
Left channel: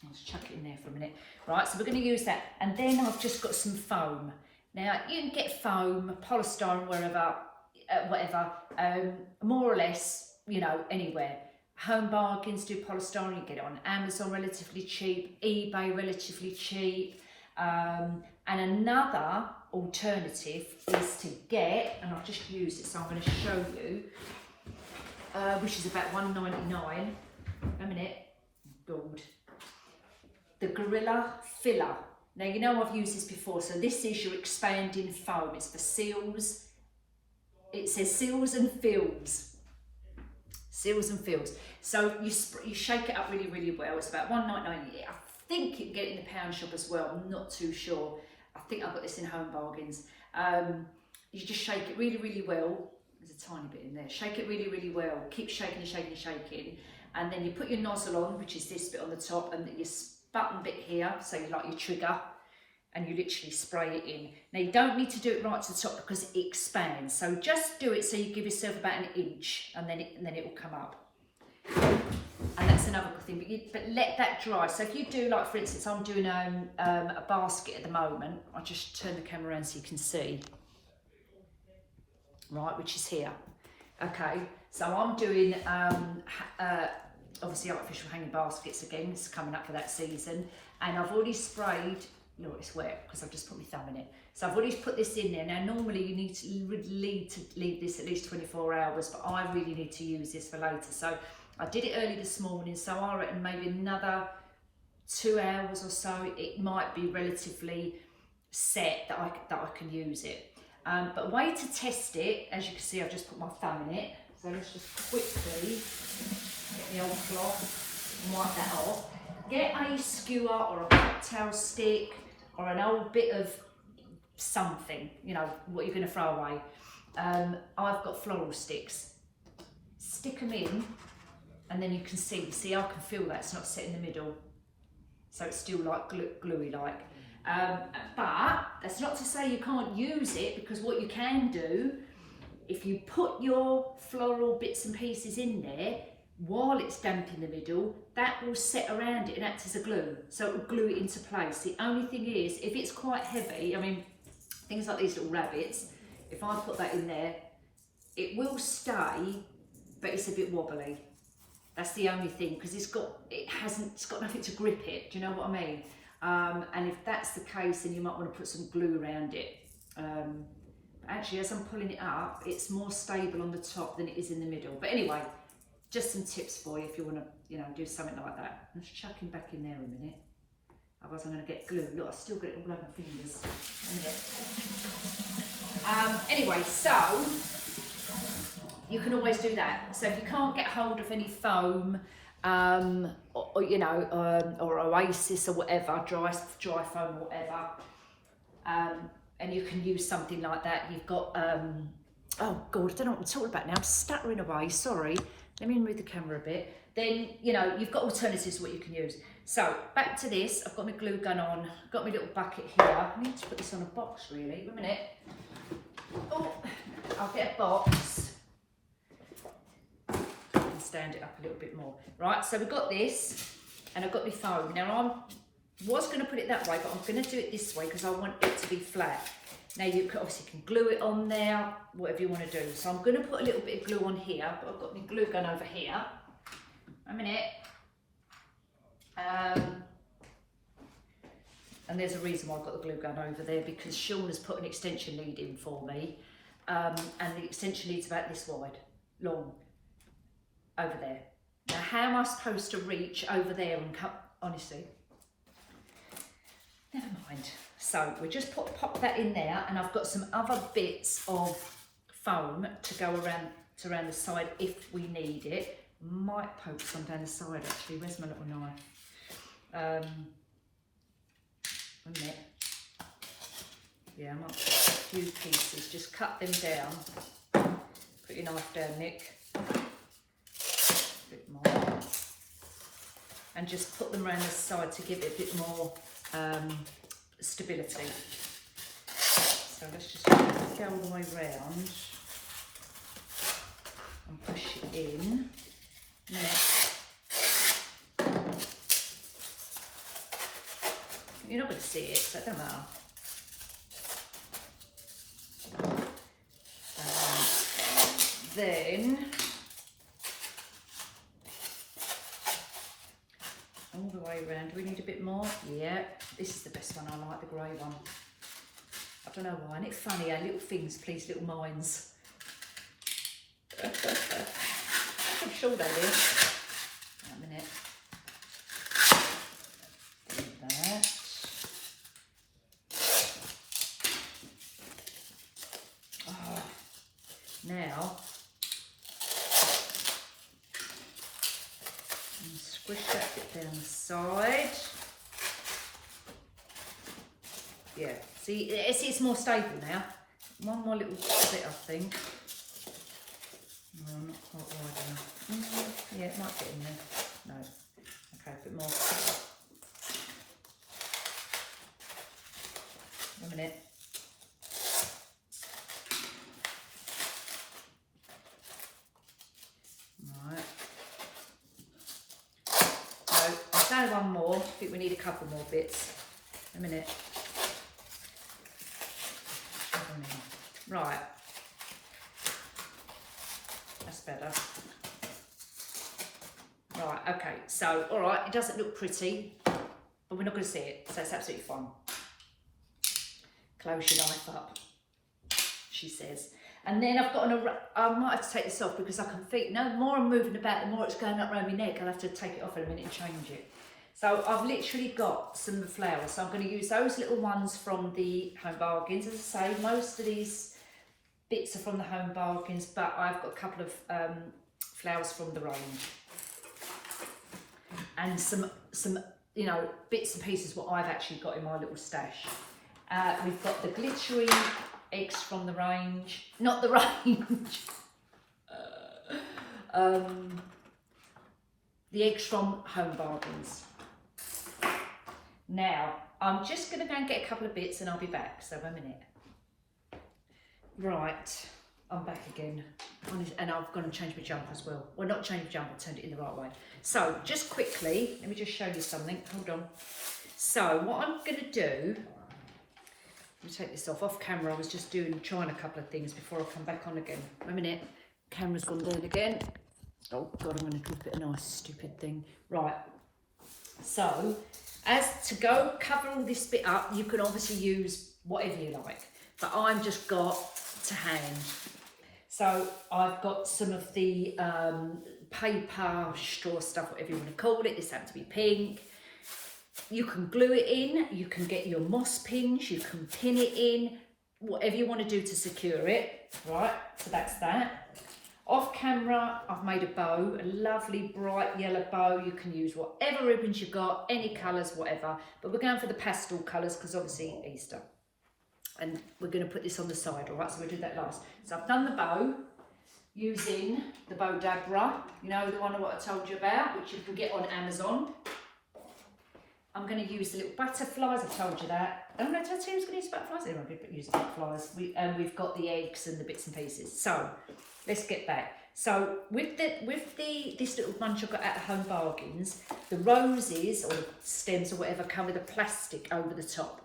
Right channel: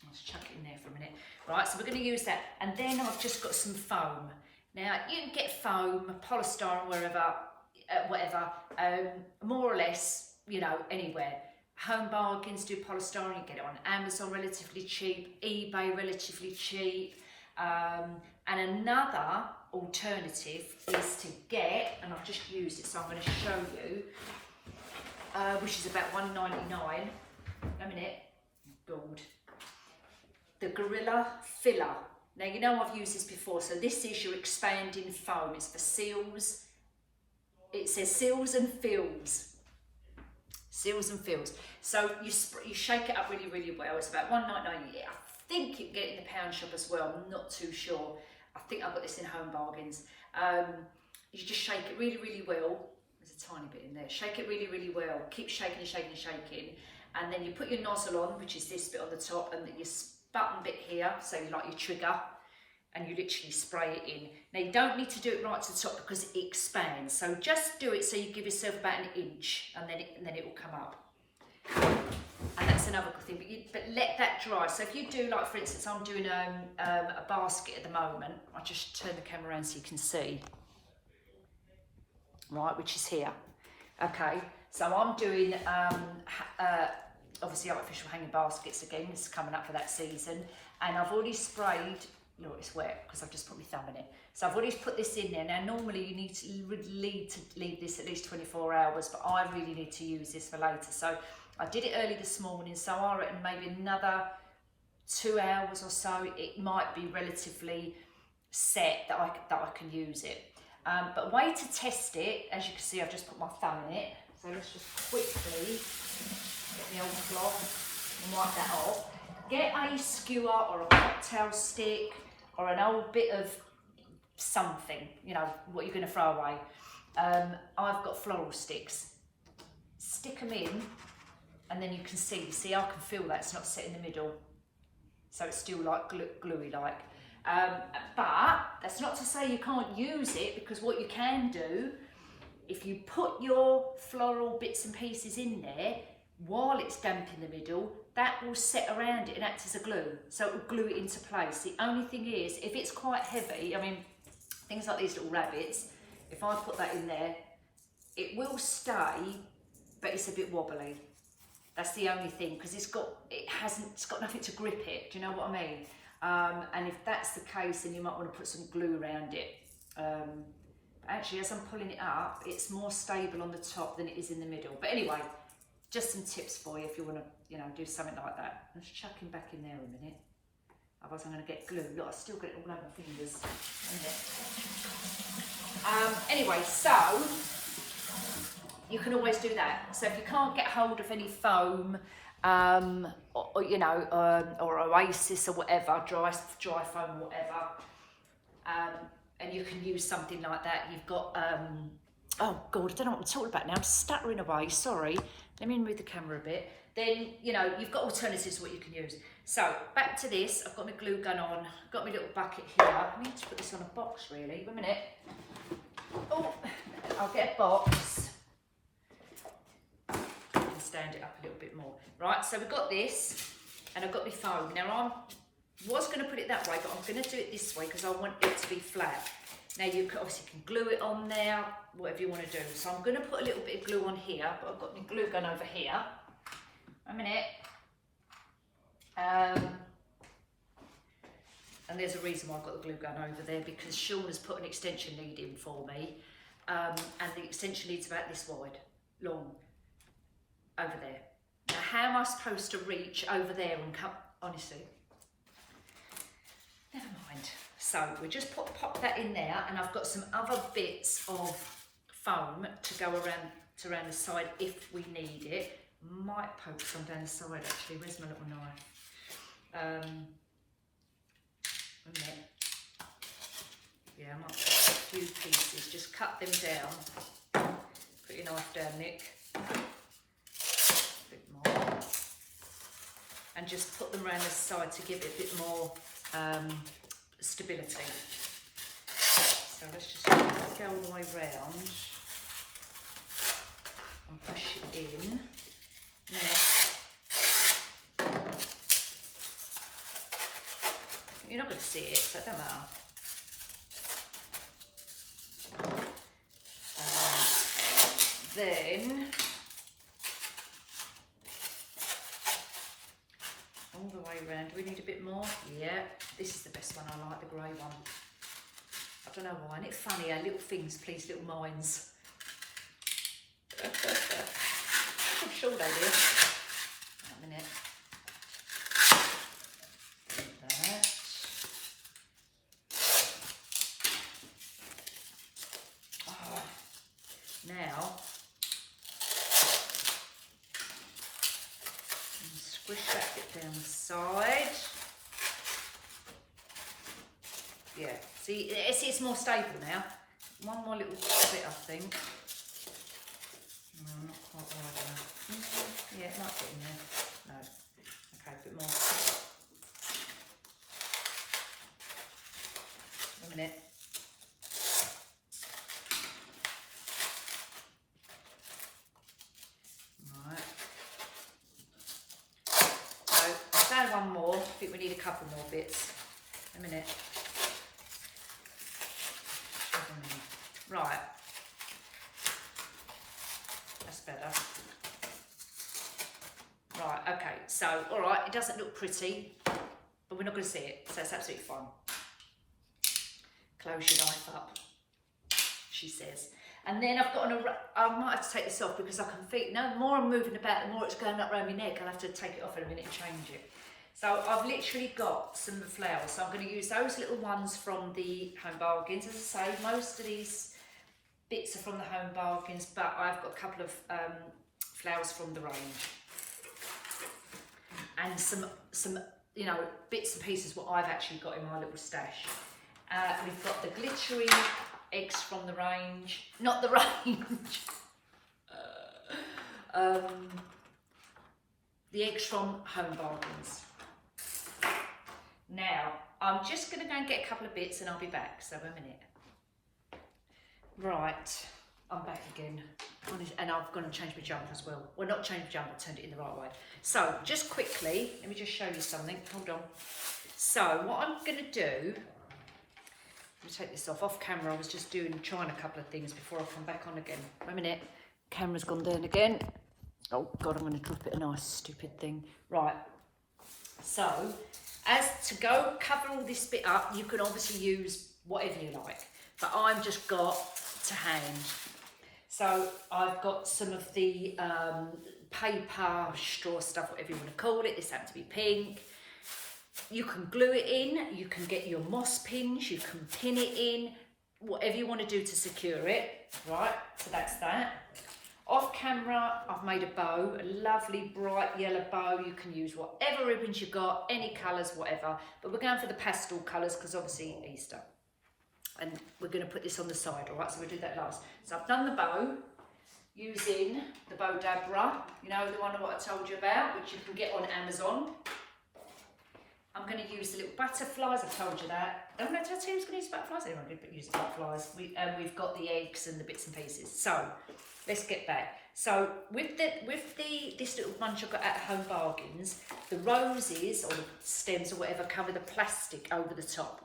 I'll just chuck it in there for a minute. Right, so we're going to use that. And then I've just got some foam. Now, you can get foam, polystyrene, wherever, whatever, more or less, you know, anywhere. Home Bargains do polystyrene, you get it on Amazon relatively cheap, eBay relatively cheap. And another alternative is to get, and I've just used it, so I'm going to show you, which is about $1.99. A minute, gold. The Gorilla Filler. Now, you know I've used this before, so this is your expanding foam. It's for seals. It says seals and fills. Seals and fills. So you shake it up really, really well. It's about $1.99. I think you can get it in the pound shop as well. I'm not too sure. I think I've got this in Home Bargains. You just shake it really, really well. There's a tiny bit in there. Shake it really, really well. Keep shaking and shaking and shaking. And then you put your nozzle on, which is this bit on the top, and your button bit here, so you like your trigger, and you literally spray it in. Now, you don't need to do it right to the top because it expands. So just do it so you give yourself about 1 inch, and then it will come up. And that's another good thing, but let that dry. So if you do, like for instance, I'm doing a basket at the moment. I'll just turn the camera around so you can see. Right, which is here. Okay, so I'm doing obviously artificial hanging baskets again. It's coming up for that season, and I've already sprayed. No, it's wet because I've just put my thumb in it. So I've already put this in there. Now, normally you need to leave this at least 24 hours, but I really need to use this for later. So I did it early this morning, so I reckon maybe another 2 hours or so, it might be relatively set that I can use it. But a way to test it, as you can see, I've just put my thumb in it. So let's just quickly get the old cloth and wipe that off. Get a skewer or a cocktail stick or an old bit of something, you know, what you're going to throw away. I've got floral sticks. Stick them in, and then you can see I can feel that it's not set in the middle, so it's still like gluey like. But that's not to say you can't use it, because what you can do, if you put your floral bits and pieces in there, while it's damp in the middle, that will set around it and act as a glue. So it will glue it into place. The only thing is, if it's quite heavy, I mean, things like these little rabbits, if I put that in there, it will stay, but it's a bit wobbly. That's the only thing, because it's got nothing to grip it. Do you know what I mean? And if that's the case, then you might want to put some glue around it. Actually, as I'm pulling it up, it's more stable on the top than it is in the middle. But anyway, just some tips for you if you want to, you know, do something like that. I'm just chucking back in there a minute. Otherwise I'm going to get glue. Look, I've still got it all over my fingers. Anyway, so you can always do that. So if you can't get hold of any foam, or you know, or Oasis or whatever, dry foam or whatever, and you can use something like that. You've got, oh God, I don't know what I'm talking about now. I'm stuttering away, sorry. Let me move the camera a bit. Then, you know, you've got alternatives to what you can use. So, back to this. I've got my glue gun on. I've got my little bucket here. I need to put this on a box, really. Wait a minute. Oh, I'll get a box. And stand it up a little bit more. Right, so we've got this, and I've got my foam. Now, I was going to put it that way, but I'm going to do it this way because I want it to be flat. Now you obviously can glue it on there, whatever you want to do. So I'm going to put a little bit of glue on here, but I've got my glue gun over here. A minute. And there's a reason why I've got the glue gun over there, because Sean has put an extension lead in for me. And the extension lead's about this wide, long, over there. Now how am I supposed to reach over there and come, honestly? Never mind. So we just pop that in there, and I've got some other bits of foam to go around the side if we need it. Might poke some down the side actually. Where's my little knife? A minute. Yeah, I might put a few pieces. Just cut them down. Put your knife down, Nick. A bit more. And just put them around the side to give it a bit more stability. So let's just go all the way round and push it in. Now, you're not going to see it, so it doesn't matter. Then all the way around. Do we need a bit more? Yeah, this is the best one. I like the grey one. I don't know why. Isn't it funny how little things please little minds? I'm sure they do. A minute. Do that. Oh. Now, squish that bit down the side. Yeah, see, it's more stable now. One more little bit, I think. No, not quite wide enough. Yeah, it might get in there. No. Okay, a bit more. A minute. Right. So, I'll say one more. I think we need a couple more bits. A minute. Right. That's better. Right, okay. So, all right, it doesn't look pretty, but we're not going to see it, so it's absolutely fine. Close your knife up, she says. And then I've got I might have to take this off because I can feel, no, the more I'm moving about, the more it's going up around my neck. I'll have to take it off in a minute and change it. So I've literally got some flowers. So I'm going to use those little ones from the Home Bargains. As I say, most of these bits are from the Home Bargains, but I've got a couple of flowers from the range. And some you know, bits and pieces what I've actually got in my little stash. We've got the glittery eggs from the range. Not the range. The eggs from Home Bargains. Now, I'm just going to go and get a couple of bits and I'll be back, so a minute. Right, I'm back again. And I've gone and changed my jumper as well. Well, not changed my jumper, turned it in the right way. So just quickly, let me just show you something. Hold on. So what I'm going to do, let me take this off camera. I was just trying a couple of things before I come back on again. Wait a minute. Camera's gone down again. Oh God, I'm going to drop it a nice stupid thing. Right. So as to go cover all this bit up, you can obviously use whatever you like, but I'm just got to hand. So I've got some of the paper, straw stuff, whatever you want to call it. This happens to be pink. You can glue it in, you can get your moss pins, you can pin it in, whatever you want to do to secure it, right? So that's that. Off camera, I've made a bow, a lovely bright yellow bow. You can use whatever ribbons you've got, any colours, whatever. But we're going for the pastel colours because obviously Easter. And we're going to put this on the side, all right? So we'll do that last. So I've done the bow using the bow dabra, you know, the one that I told you about, which you can get on Amazon. I'm going to use the little butterflies, I told you that. Oh no, did I tell you I was going to use butterflies? Anyway, I'm going to use the butterflies. We've got the eggs and the bits and pieces. So let's get back. So with this little bunch I've got at Home Bargains, the roses or the stems or whatever cover the plastic over the top.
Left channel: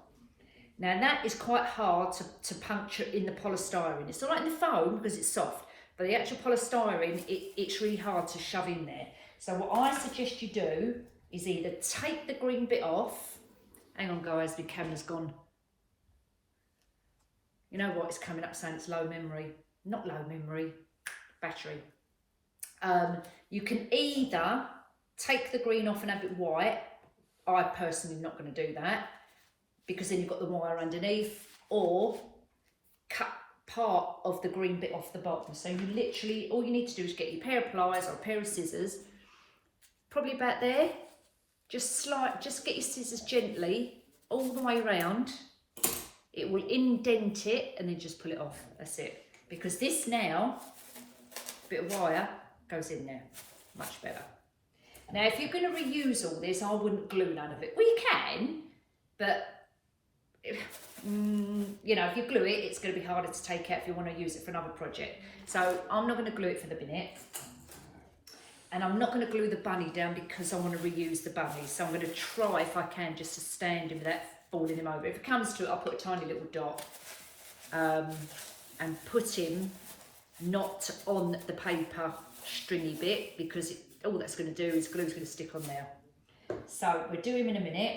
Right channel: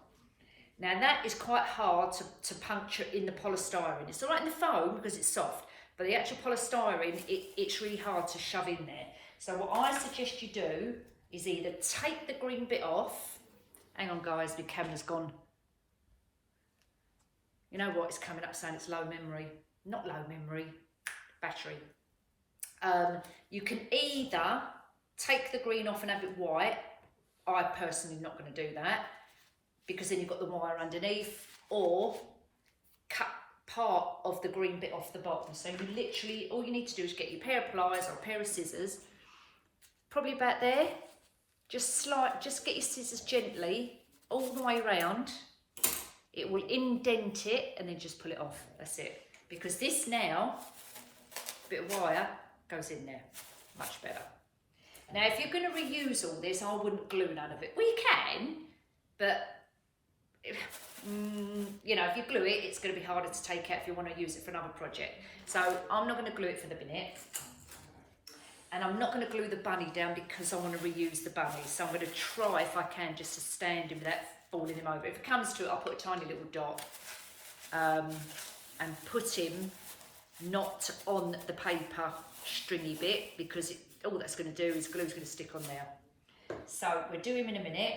Now that is quite hard to puncture in the polystyrene. It's all right in the foam because it's soft, but the actual polystyrene, it's really hard to shove in there. So what I suggest you do is either take the green bit off. Hang on guys, the camera's gone. You know what, it's coming up saying it's low memory. Not low memory, battery. You can either take the green off and have it white. I personally am not going to do that, because then you've got the wire underneath, or cut part of the green bit off the bottom. So you literally, all you need to do is get your pair of pliers or a pair of scissors, probably about there. Just get your scissors gently all the way around. It will indent it and then just pull it off. That's it. Because this now, bit of wire goes in there. Much better. Now, if you're going to reuse all this, I wouldn't glue none of it. Well, you can, but you know, if you glue it, it's going to be harder to take out if you want to use it for another project. So I'm not going to glue it for the minute. And I'm not going to glue the bunny down because I want to reuse the bunnies. So I'm going to try, if I can, just to stand him without falling him over. If it comes to it, I'll put a tiny little dot and put him not on the paper stringy bit, because all that's going to do is glue's going to stick on there. So we'll do him in a minute.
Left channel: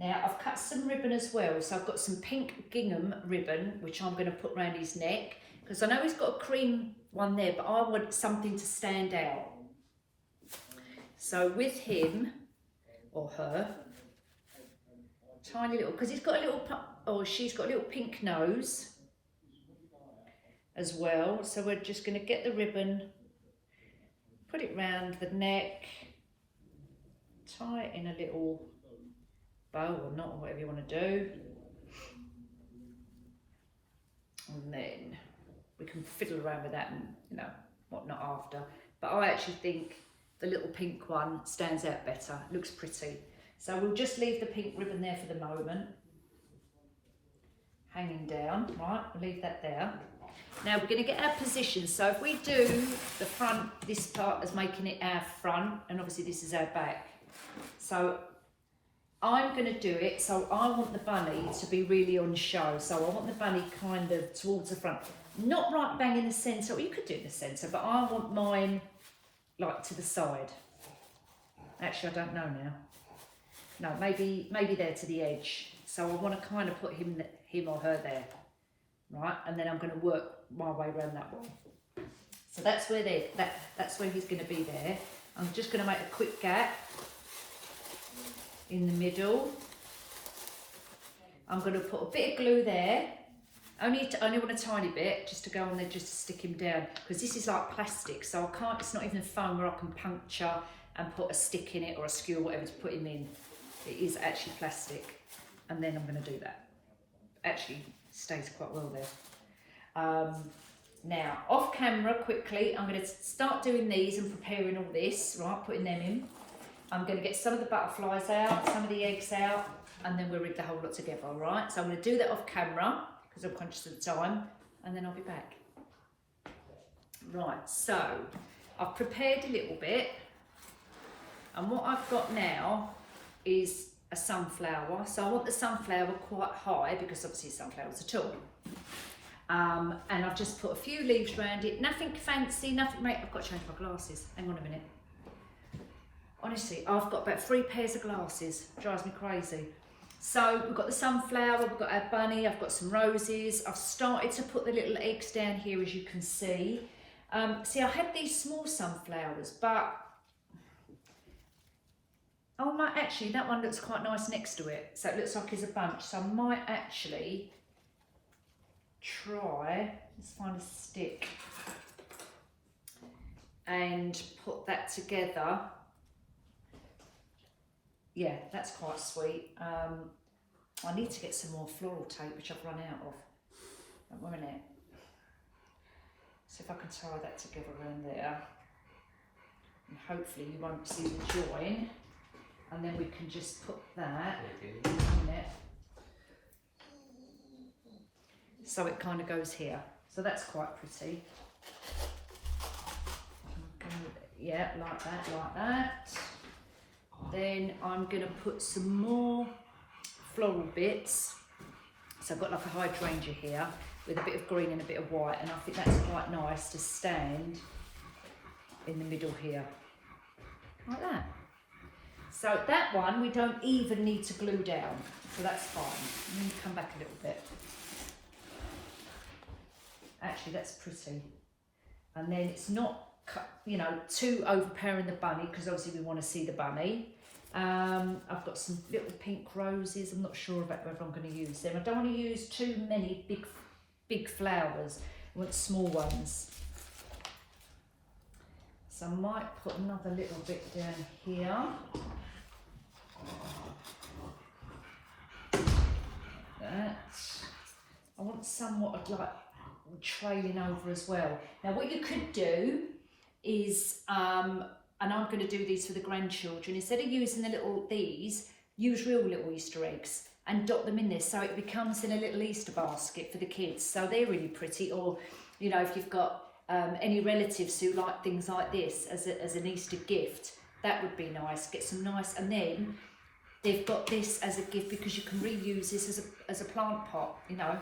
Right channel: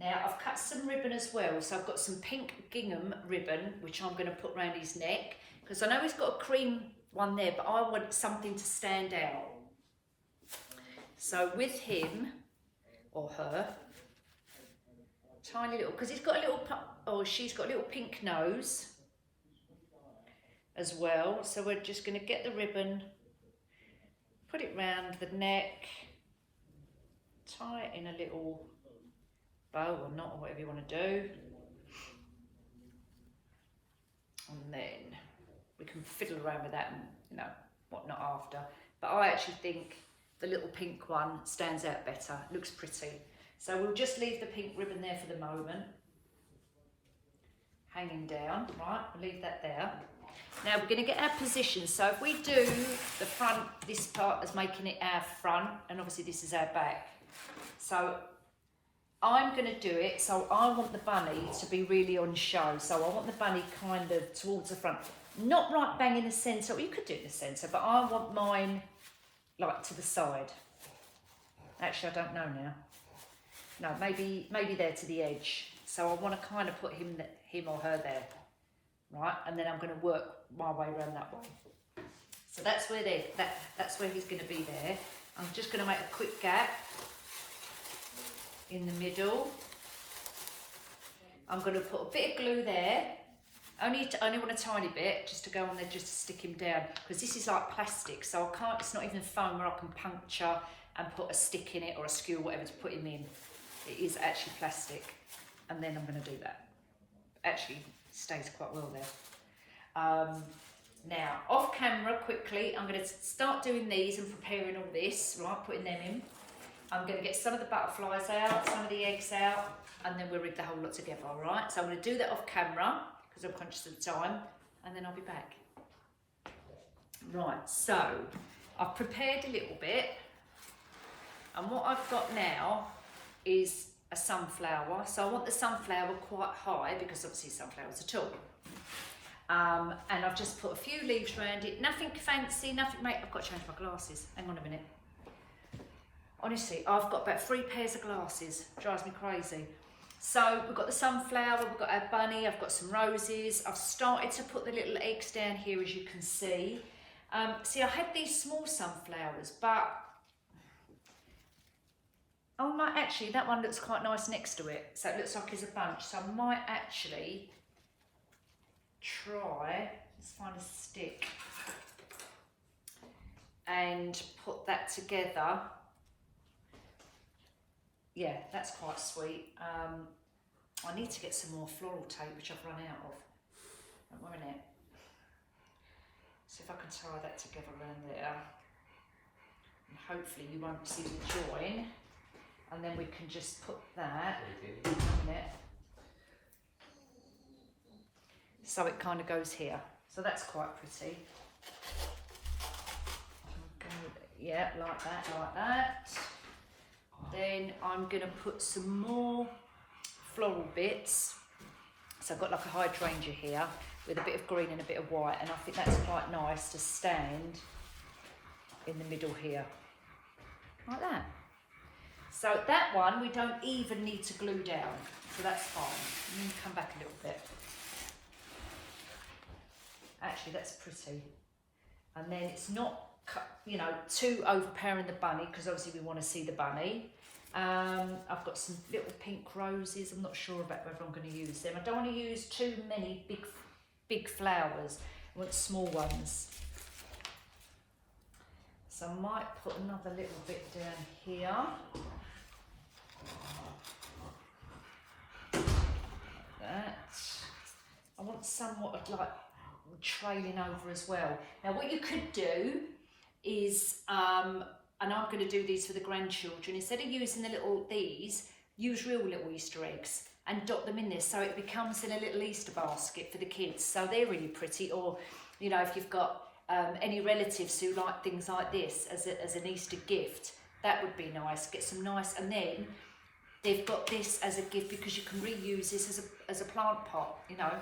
Now I've cut some ribbon as well. So I've got some pink gingham ribbon, which I'm going to put around his neck, because I know he's got a cream one there, but I want something to stand out. So with him, or her, tiny little, because he's got a little, or she's got a little pink nose as well. So we're just going to get the ribbon, put it round the neck, tie it in a little bow or knot or whatever you want to do. And then we can fiddle around with that and, you know, whatnot after. But I actually think the little pink one stands out better, looks pretty. So we'll just leave the pink ribbon there for the moment, hanging down, right? We'll leave that there. Now we're going to get our position. So if we do the front, this part is making it our front, and obviously this is our back. So I'm going to do it, so I want the bunny to be really on show. So I want the bunny kind of towards the front. Not right bang in the centre, well, you could do it in the centre, but I want mine like to the side. Actually, I don't know now. No, maybe there to the edge. So I want to kind of put him or her there, right? And then I'm going to work my way around that one. So that's where that's where he's going to be there. I'm just going to make a quick gap in the middle. I'm going to put a bit of glue there. Only want a tiny bit, just to go on there, just to stick him down, because this is like plastic, so I can't. It's not even a foam where I can puncture and put a stick in it or a skewer, whatever, to put him in. It is actually plastic, and then I'm going to do that. Actually, stays quite well there. Now, off camera, quickly, I'm going to start doing these and preparing all this, right? Putting them in. I'm going to get some of the butterflies out, some of the eggs out, and then we'll rig the whole lot together, all right? So I'm going to do that off camera, because I'm conscious of the time, and then I'll be back. Right, so I've prepared a little bit, and what I've got now is a sunflower. So I want the sunflower quite high because obviously sunflowers are tall. And I've just put a few leaves around it, nothing fancy, nothing, mate, I've got to change my glasses, hang on a minute. Honestly, I've got about 3 pairs of glasses, drives me crazy. So we've got the sunflower, we've got our bunny, I've got some roses. I've started to put the little eggs down here, as you can see. See, I had these small sunflowers, but, oh no, actually that one looks quite nice next to it. So it looks like it's a bunch. So I might actually try, let's find a stick and put that together. Yeah, that's quite sweet. I need to get some more floral tape, which I've run out of. One minute. See if I can tie that together around there. And hopefully you won't see the join. And then we can just put that in a minute. So it kind of goes here. So that's quite pretty. Okay, yeah, like that, like that. Then I'm going to put some more floral bits. So I've got like a hydrangea here with a bit of green and a bit of white, and I think that's quite nice to stand in the middle here, like that. So that one we don't even need to glue down, so that's fine. Let me come back a little bit. Actually, that's pretty. And then it's not, you know, too overpowering the bunny, because obviously we want to see the bunny. I've got some little pink roses. I'm not sure about whether I'm going to use them. I don't want to use too many big flowers. I want small ones. So I might put another little bit down here. Like that. I want somewhat of like trailing over as well. Now what you could do is, and I'm going to do these for the grandchildren, instead of using the little these, use real little Easter eggs and dot them in this, so it becomes in a little Easter basket for the kids. So they're really pretty. Or, you know, if you've got any relatives who like things like this as an Easter gift, that would be nice. Get some nice, and then they've got this as a gift because you can reuse this as a plant pot, you know.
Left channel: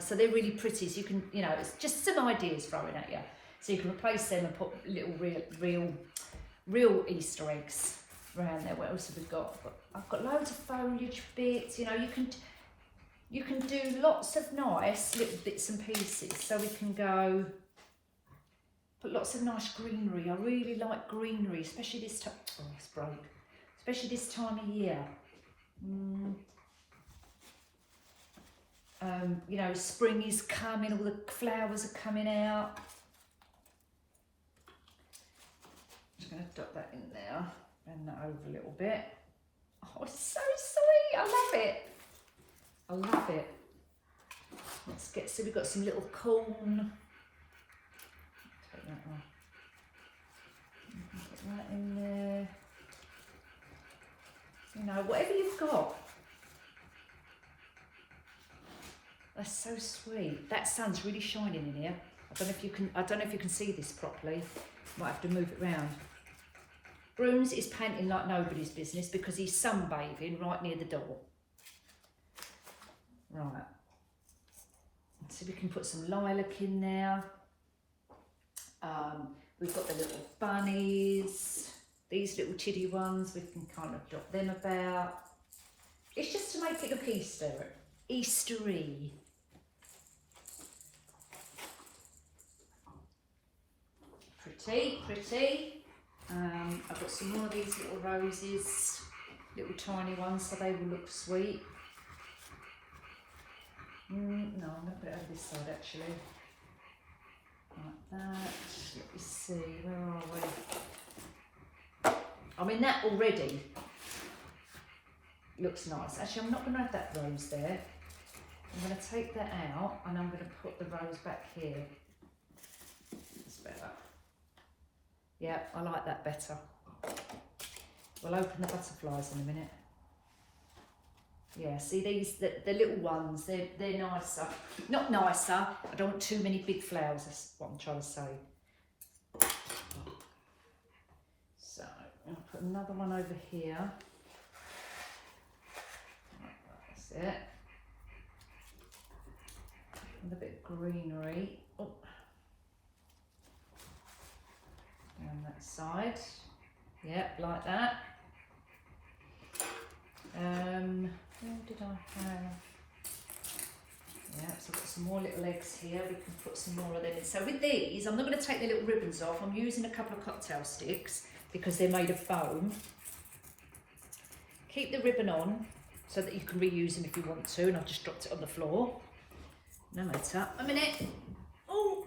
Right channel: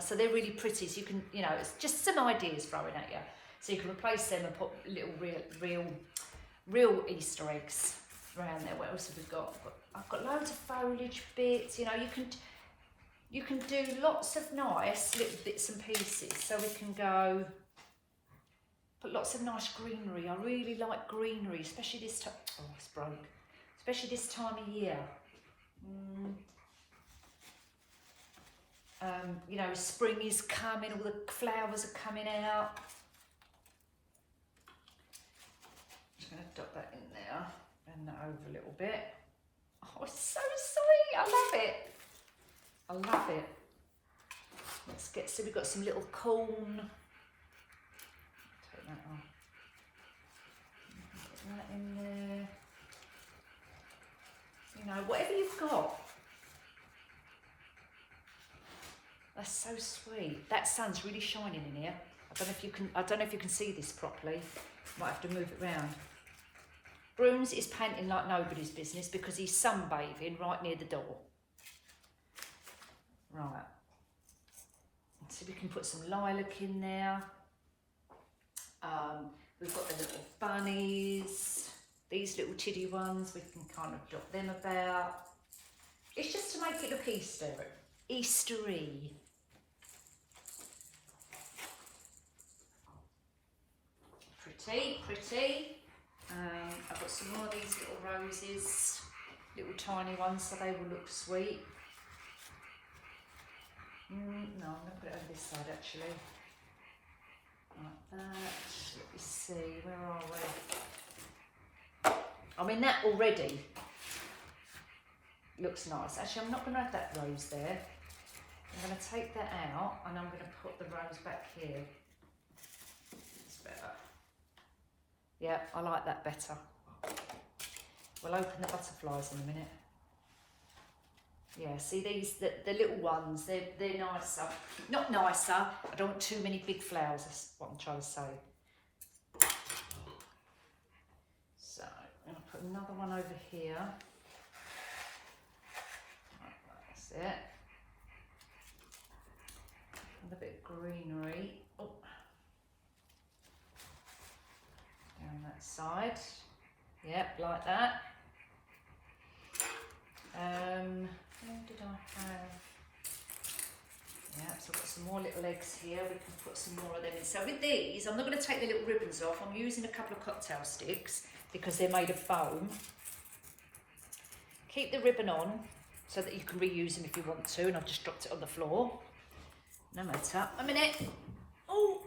So they're really pretty. So you can, you know, it's just some ideas thrown at you. So you can replace them and put little real Easter eggs around there. What else have we got? I've got loads of foliage bits. You know, you can do lots of nice little bits and pieces. So we can go put lots of nice greenery. I really like greenery, especially this time. Oh, it's broke. Especially this time of year. You know, spring is coming. All the flowers are coming out. I'm just going to dot that in there, bend that over a little bit. Oh, it's so sweet. I love it. I love it. Let's get, so we've got some little corn. Take that off. Put that in there. You know, whatever you've got. That's so sweet. That sun's really shining in here. I don't know if you can see this properly. Might have to move it round. Bruns is painting like nobody's business because he's sunbathing right near the door. Right. So we can put some lilac in there. We've got the little bunnies. These little tiddy ones, we can kind of dot them about. It's just to make it look Eastery. Pretty, pretty. I've got some more of these little roses, little tiny ones, so they will look sweet. No, I'm going to put it over this side actually. Like that. Let me see, where are we? I mean, that already looks nice. Actually, I'm not going to have that rose there. I'm going to take that out and I'm going to put the rose back here. It's better. Yeah, I like that better. We'll open the butterflies in a minute. Yeah, see these, the little ones, they're nicer. Not nicer, I don't want too many big flowers, that's what I'm trying to say. So, I'm going to put another one over here. Right, that's it. And a bit of greenery. Oh. Down that side. Yep, like that. Where did I have? Yeah, so I've got some more little eggs here. We can put some more of them in. So with these, I'm not going to take the little ribbons off. I'm using a couple of cocktail sticks because they're made of foam. Keep the ribbon on so that you can reuse them if you want to. And I've just dropped it on the floor. No matter. A minute. Oh.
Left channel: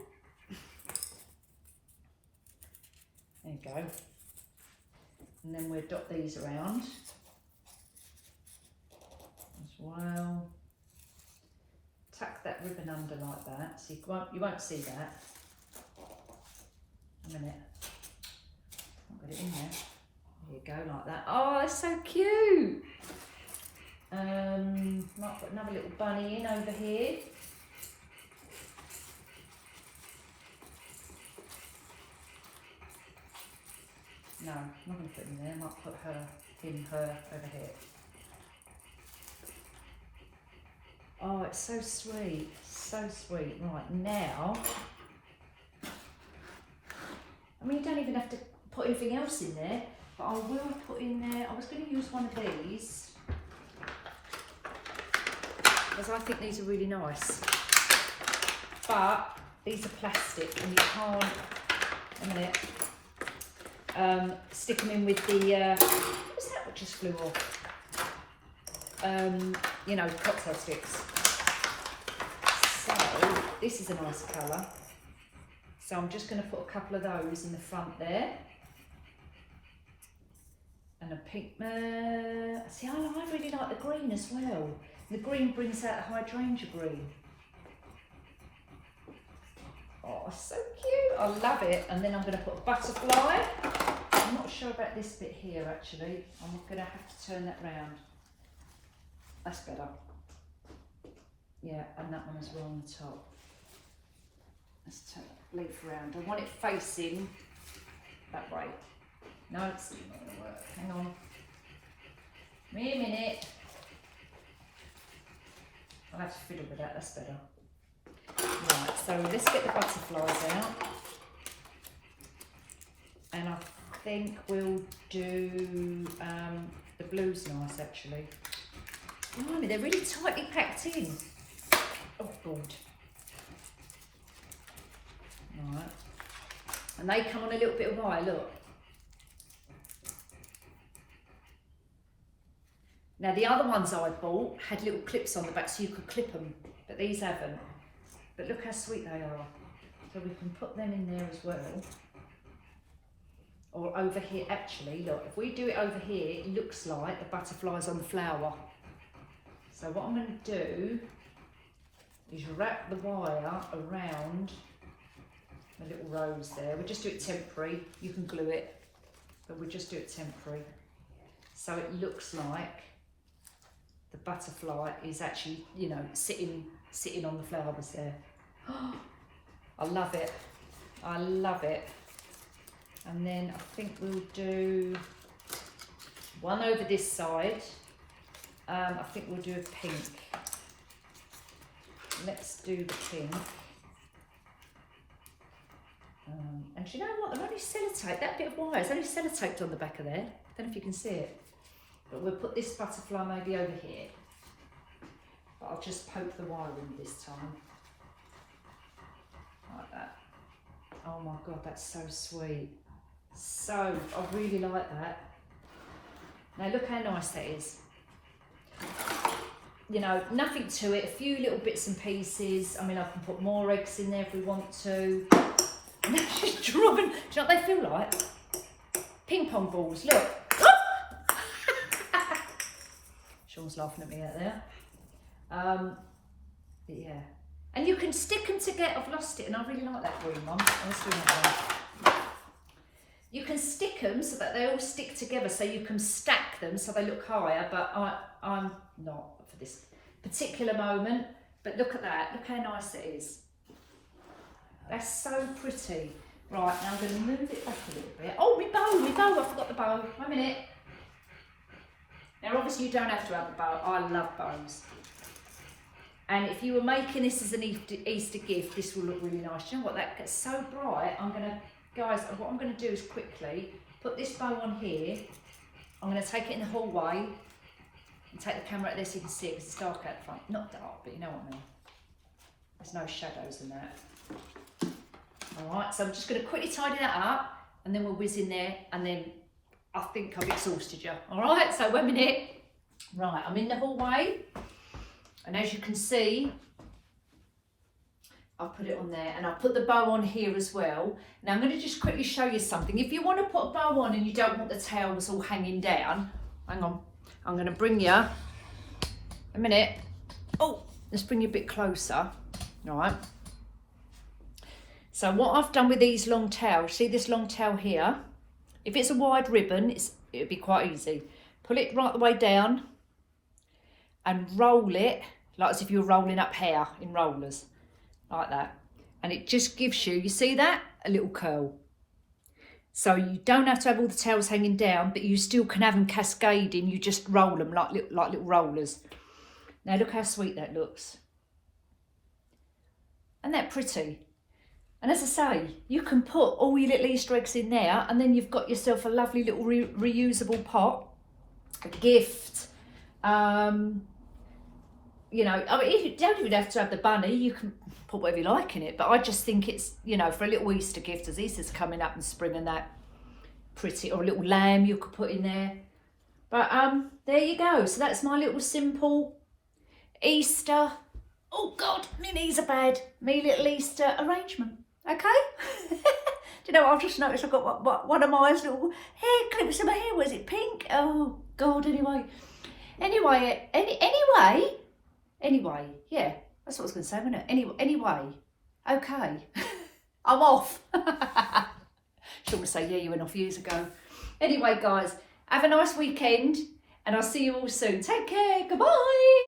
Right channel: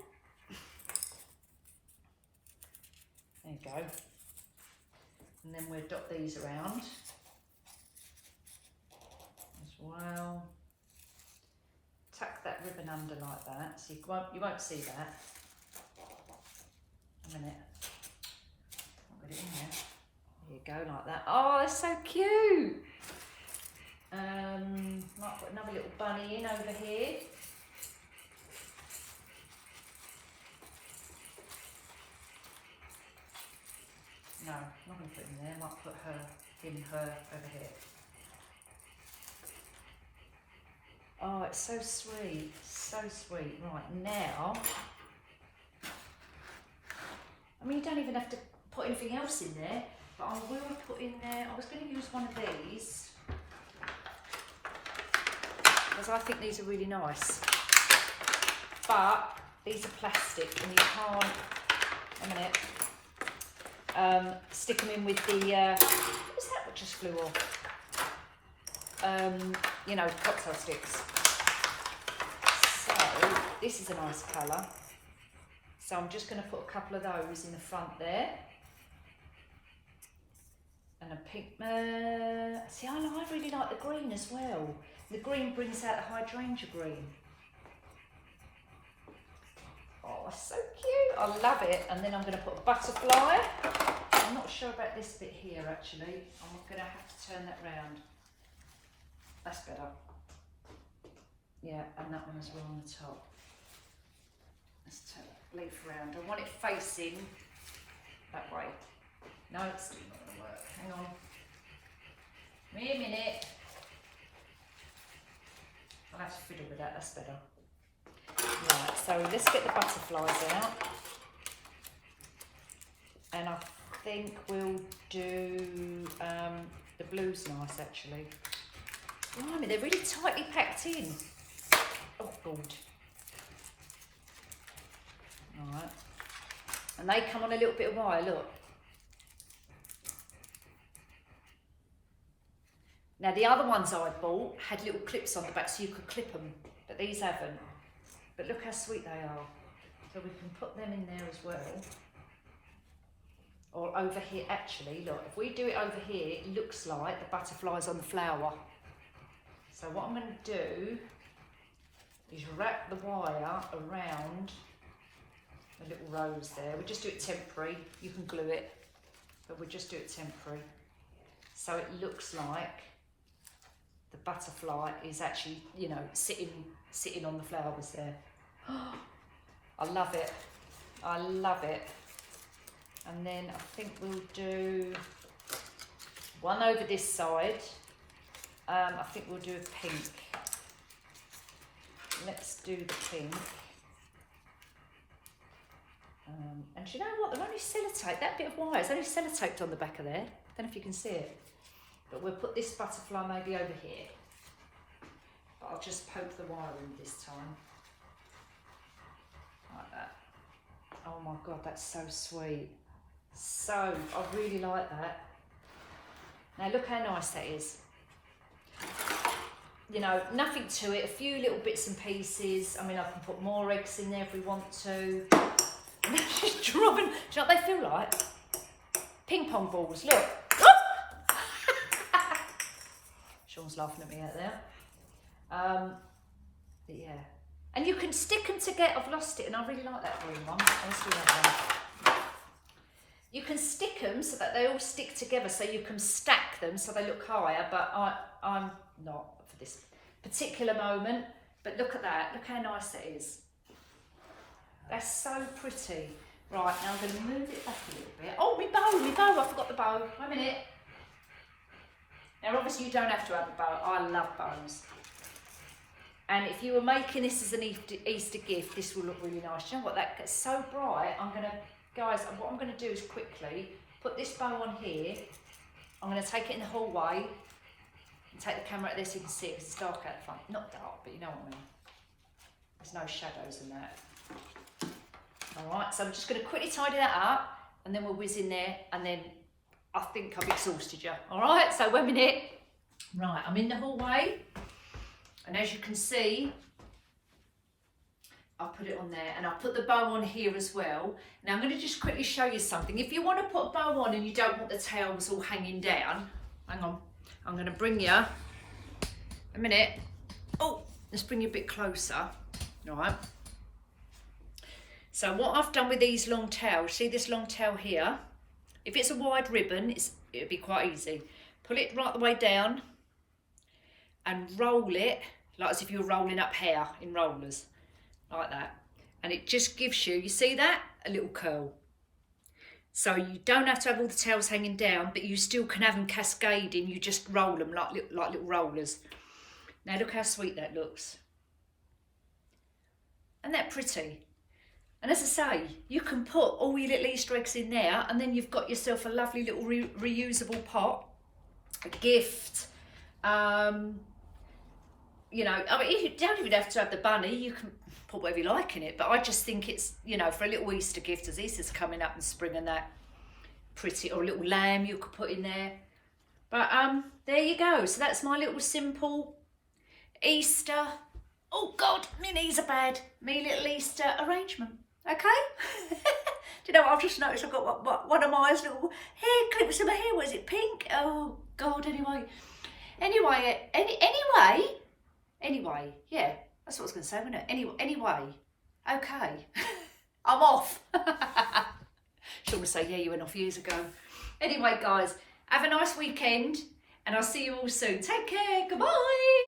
There you go. And then we'll dot these around as well. Tuck that ribbon under like that, so you won't see that. A minute. I'll get it in there. There you go, like that. Oh, it's so cute. Might put another little bunny in over here. No, I'm not going to put him there. I might put her over here. Oh, it's so sweet, so sweet. Right, now, I mean, you don't even have to put anything else in there, but I will put in there, I was going to use one of these, because I think these are really nice, but these are plastic and you can't, a minute, stick them in with the, what was that just flew off? You know, cocktail sticks. So this is a nice colour. So I'm just going to put a couple of those in the front there. And a pink. See, I really like the green as well. The green brings out the hydrangea green. Oh, so cute. I love it. And then I'm going to put a butterfly. I'm not sure about this bit here actually. I'm going to have to turn that round. That's better. Yeah, and that one as well on the top. Let's turn that leaf around. I want it facing that way. No, it's still not going to work. Hang on. Give me a minute. I'll have to fiddle with that, that's better. Right, so let's get the butterflies out. And I think we'll do the blue's nice actually. Blimey, they're really tightly packed in. Oh God. Right. And they come on a little bit of wire, look. Now the other ones I bought had little clips on the back so you could clip them, but these haven't. But look how sweet they are. So we can put them in there as well. Or over here, actually, look, if we do it over here, it looks like the butterfly's on the flower. So what I'm going to do is wrap the wire around the little rose there. We'll just do it temporary. You can glue it, but we'll just do it temporary. So it looks like the butterfly is actually, you know, sitting on the flowers there. Oh, I love it. I love it. And then I think we'll do one over this side. I think we'll do a pink. Let's do the pink. And do you know what? They're only sellotape. That bit of wire is only sellotaped on the back of there. I don't know if you can see it. But we'll put this butterfly maybe over here. But I'll just poke the wire in this time. Like that. Oh my God, that's so sweet. So, I really like that. Now look how nice that is. You know, nothing to it, a few little bits and pieces. I mean, I can put more eggs in there if we want to. And she's drawing, do you know what they feel like? Ping pong balls, look. Sean's laughing at me out there. Yeah. And you can stick them together. I've lost it and I really like that green one. Let's do that one. You can stick them so that they all stick together so you can stack stack them so they look higher, but I'm not for this particular moment. But look at that, look how nice it is. That's so pretty. Right, now I'm going to move it back a little bit. Oh, my bow, I forgot the bow. 1 minute. Now obviously you don't have to have a bow. I love bows. And if you were making this as an Easter gift, this will look really nice. You know what, that gets so bright. Guys, what I'm going to do is quickly put this bow on here. I'm going to take it in the hallway and take the camera out there so you can see it, because it's dark out the front. Not dark, but you know what I mean. There's no shadows in that. All right, so I'm just going to quickly tidy that up, and then we'll whiz in there, and then I think I've exhausted you. All right, so 1 minute. Right, I'm in the hallway, and as you can see, I'll put it on there, and I'll put the bow on here as well. Now I'm going to just quickly show you something. If you want to put a bow on and you don't want the tails all hanging down, hang on, I'm going to bring you, 1 minute. Oh, let's bring you a bit closer. All right. So what I've done with these long tails, see this long tail here? If it's a wide ribbon, it'll be quite easy. Pull it right the way down and roll it like as if you're rolling up hair in rollers, like that. And it just gives you, you see that? A little curl. So you don't have to have all the tails hanging down, but you still can have them cascading. You just roll them like little rollers. Now look how sweet that looks. Isn't that pretty? And as I say, you can put all your little Easter eggs in there, and then you've got yourself a lovely little reusable pot, a gift. You know, I mean, you don't even have to have the bunny. You can put whatever you like in it. But I just think it's, you know, for a little Easter gift, as Easter's coming up in spring and that, pretty, or a little lamb you could put in there. But there you go. So that's my little simple Easter. Oh God, my knees are bad. Me little Easter arrangement. Okay. Do you know what I've just noticed? I've got one of my little hair clips in my hair. Was it pink? Oh God. Anyway, yeah. That's what I was going to say, wasn't it? Anyway. Okay. I'm off. Should want to say, yeah, you went off years ago. Anyway, guys, have a nice weekend, and I'll see you all soon. Take care. Goodbye.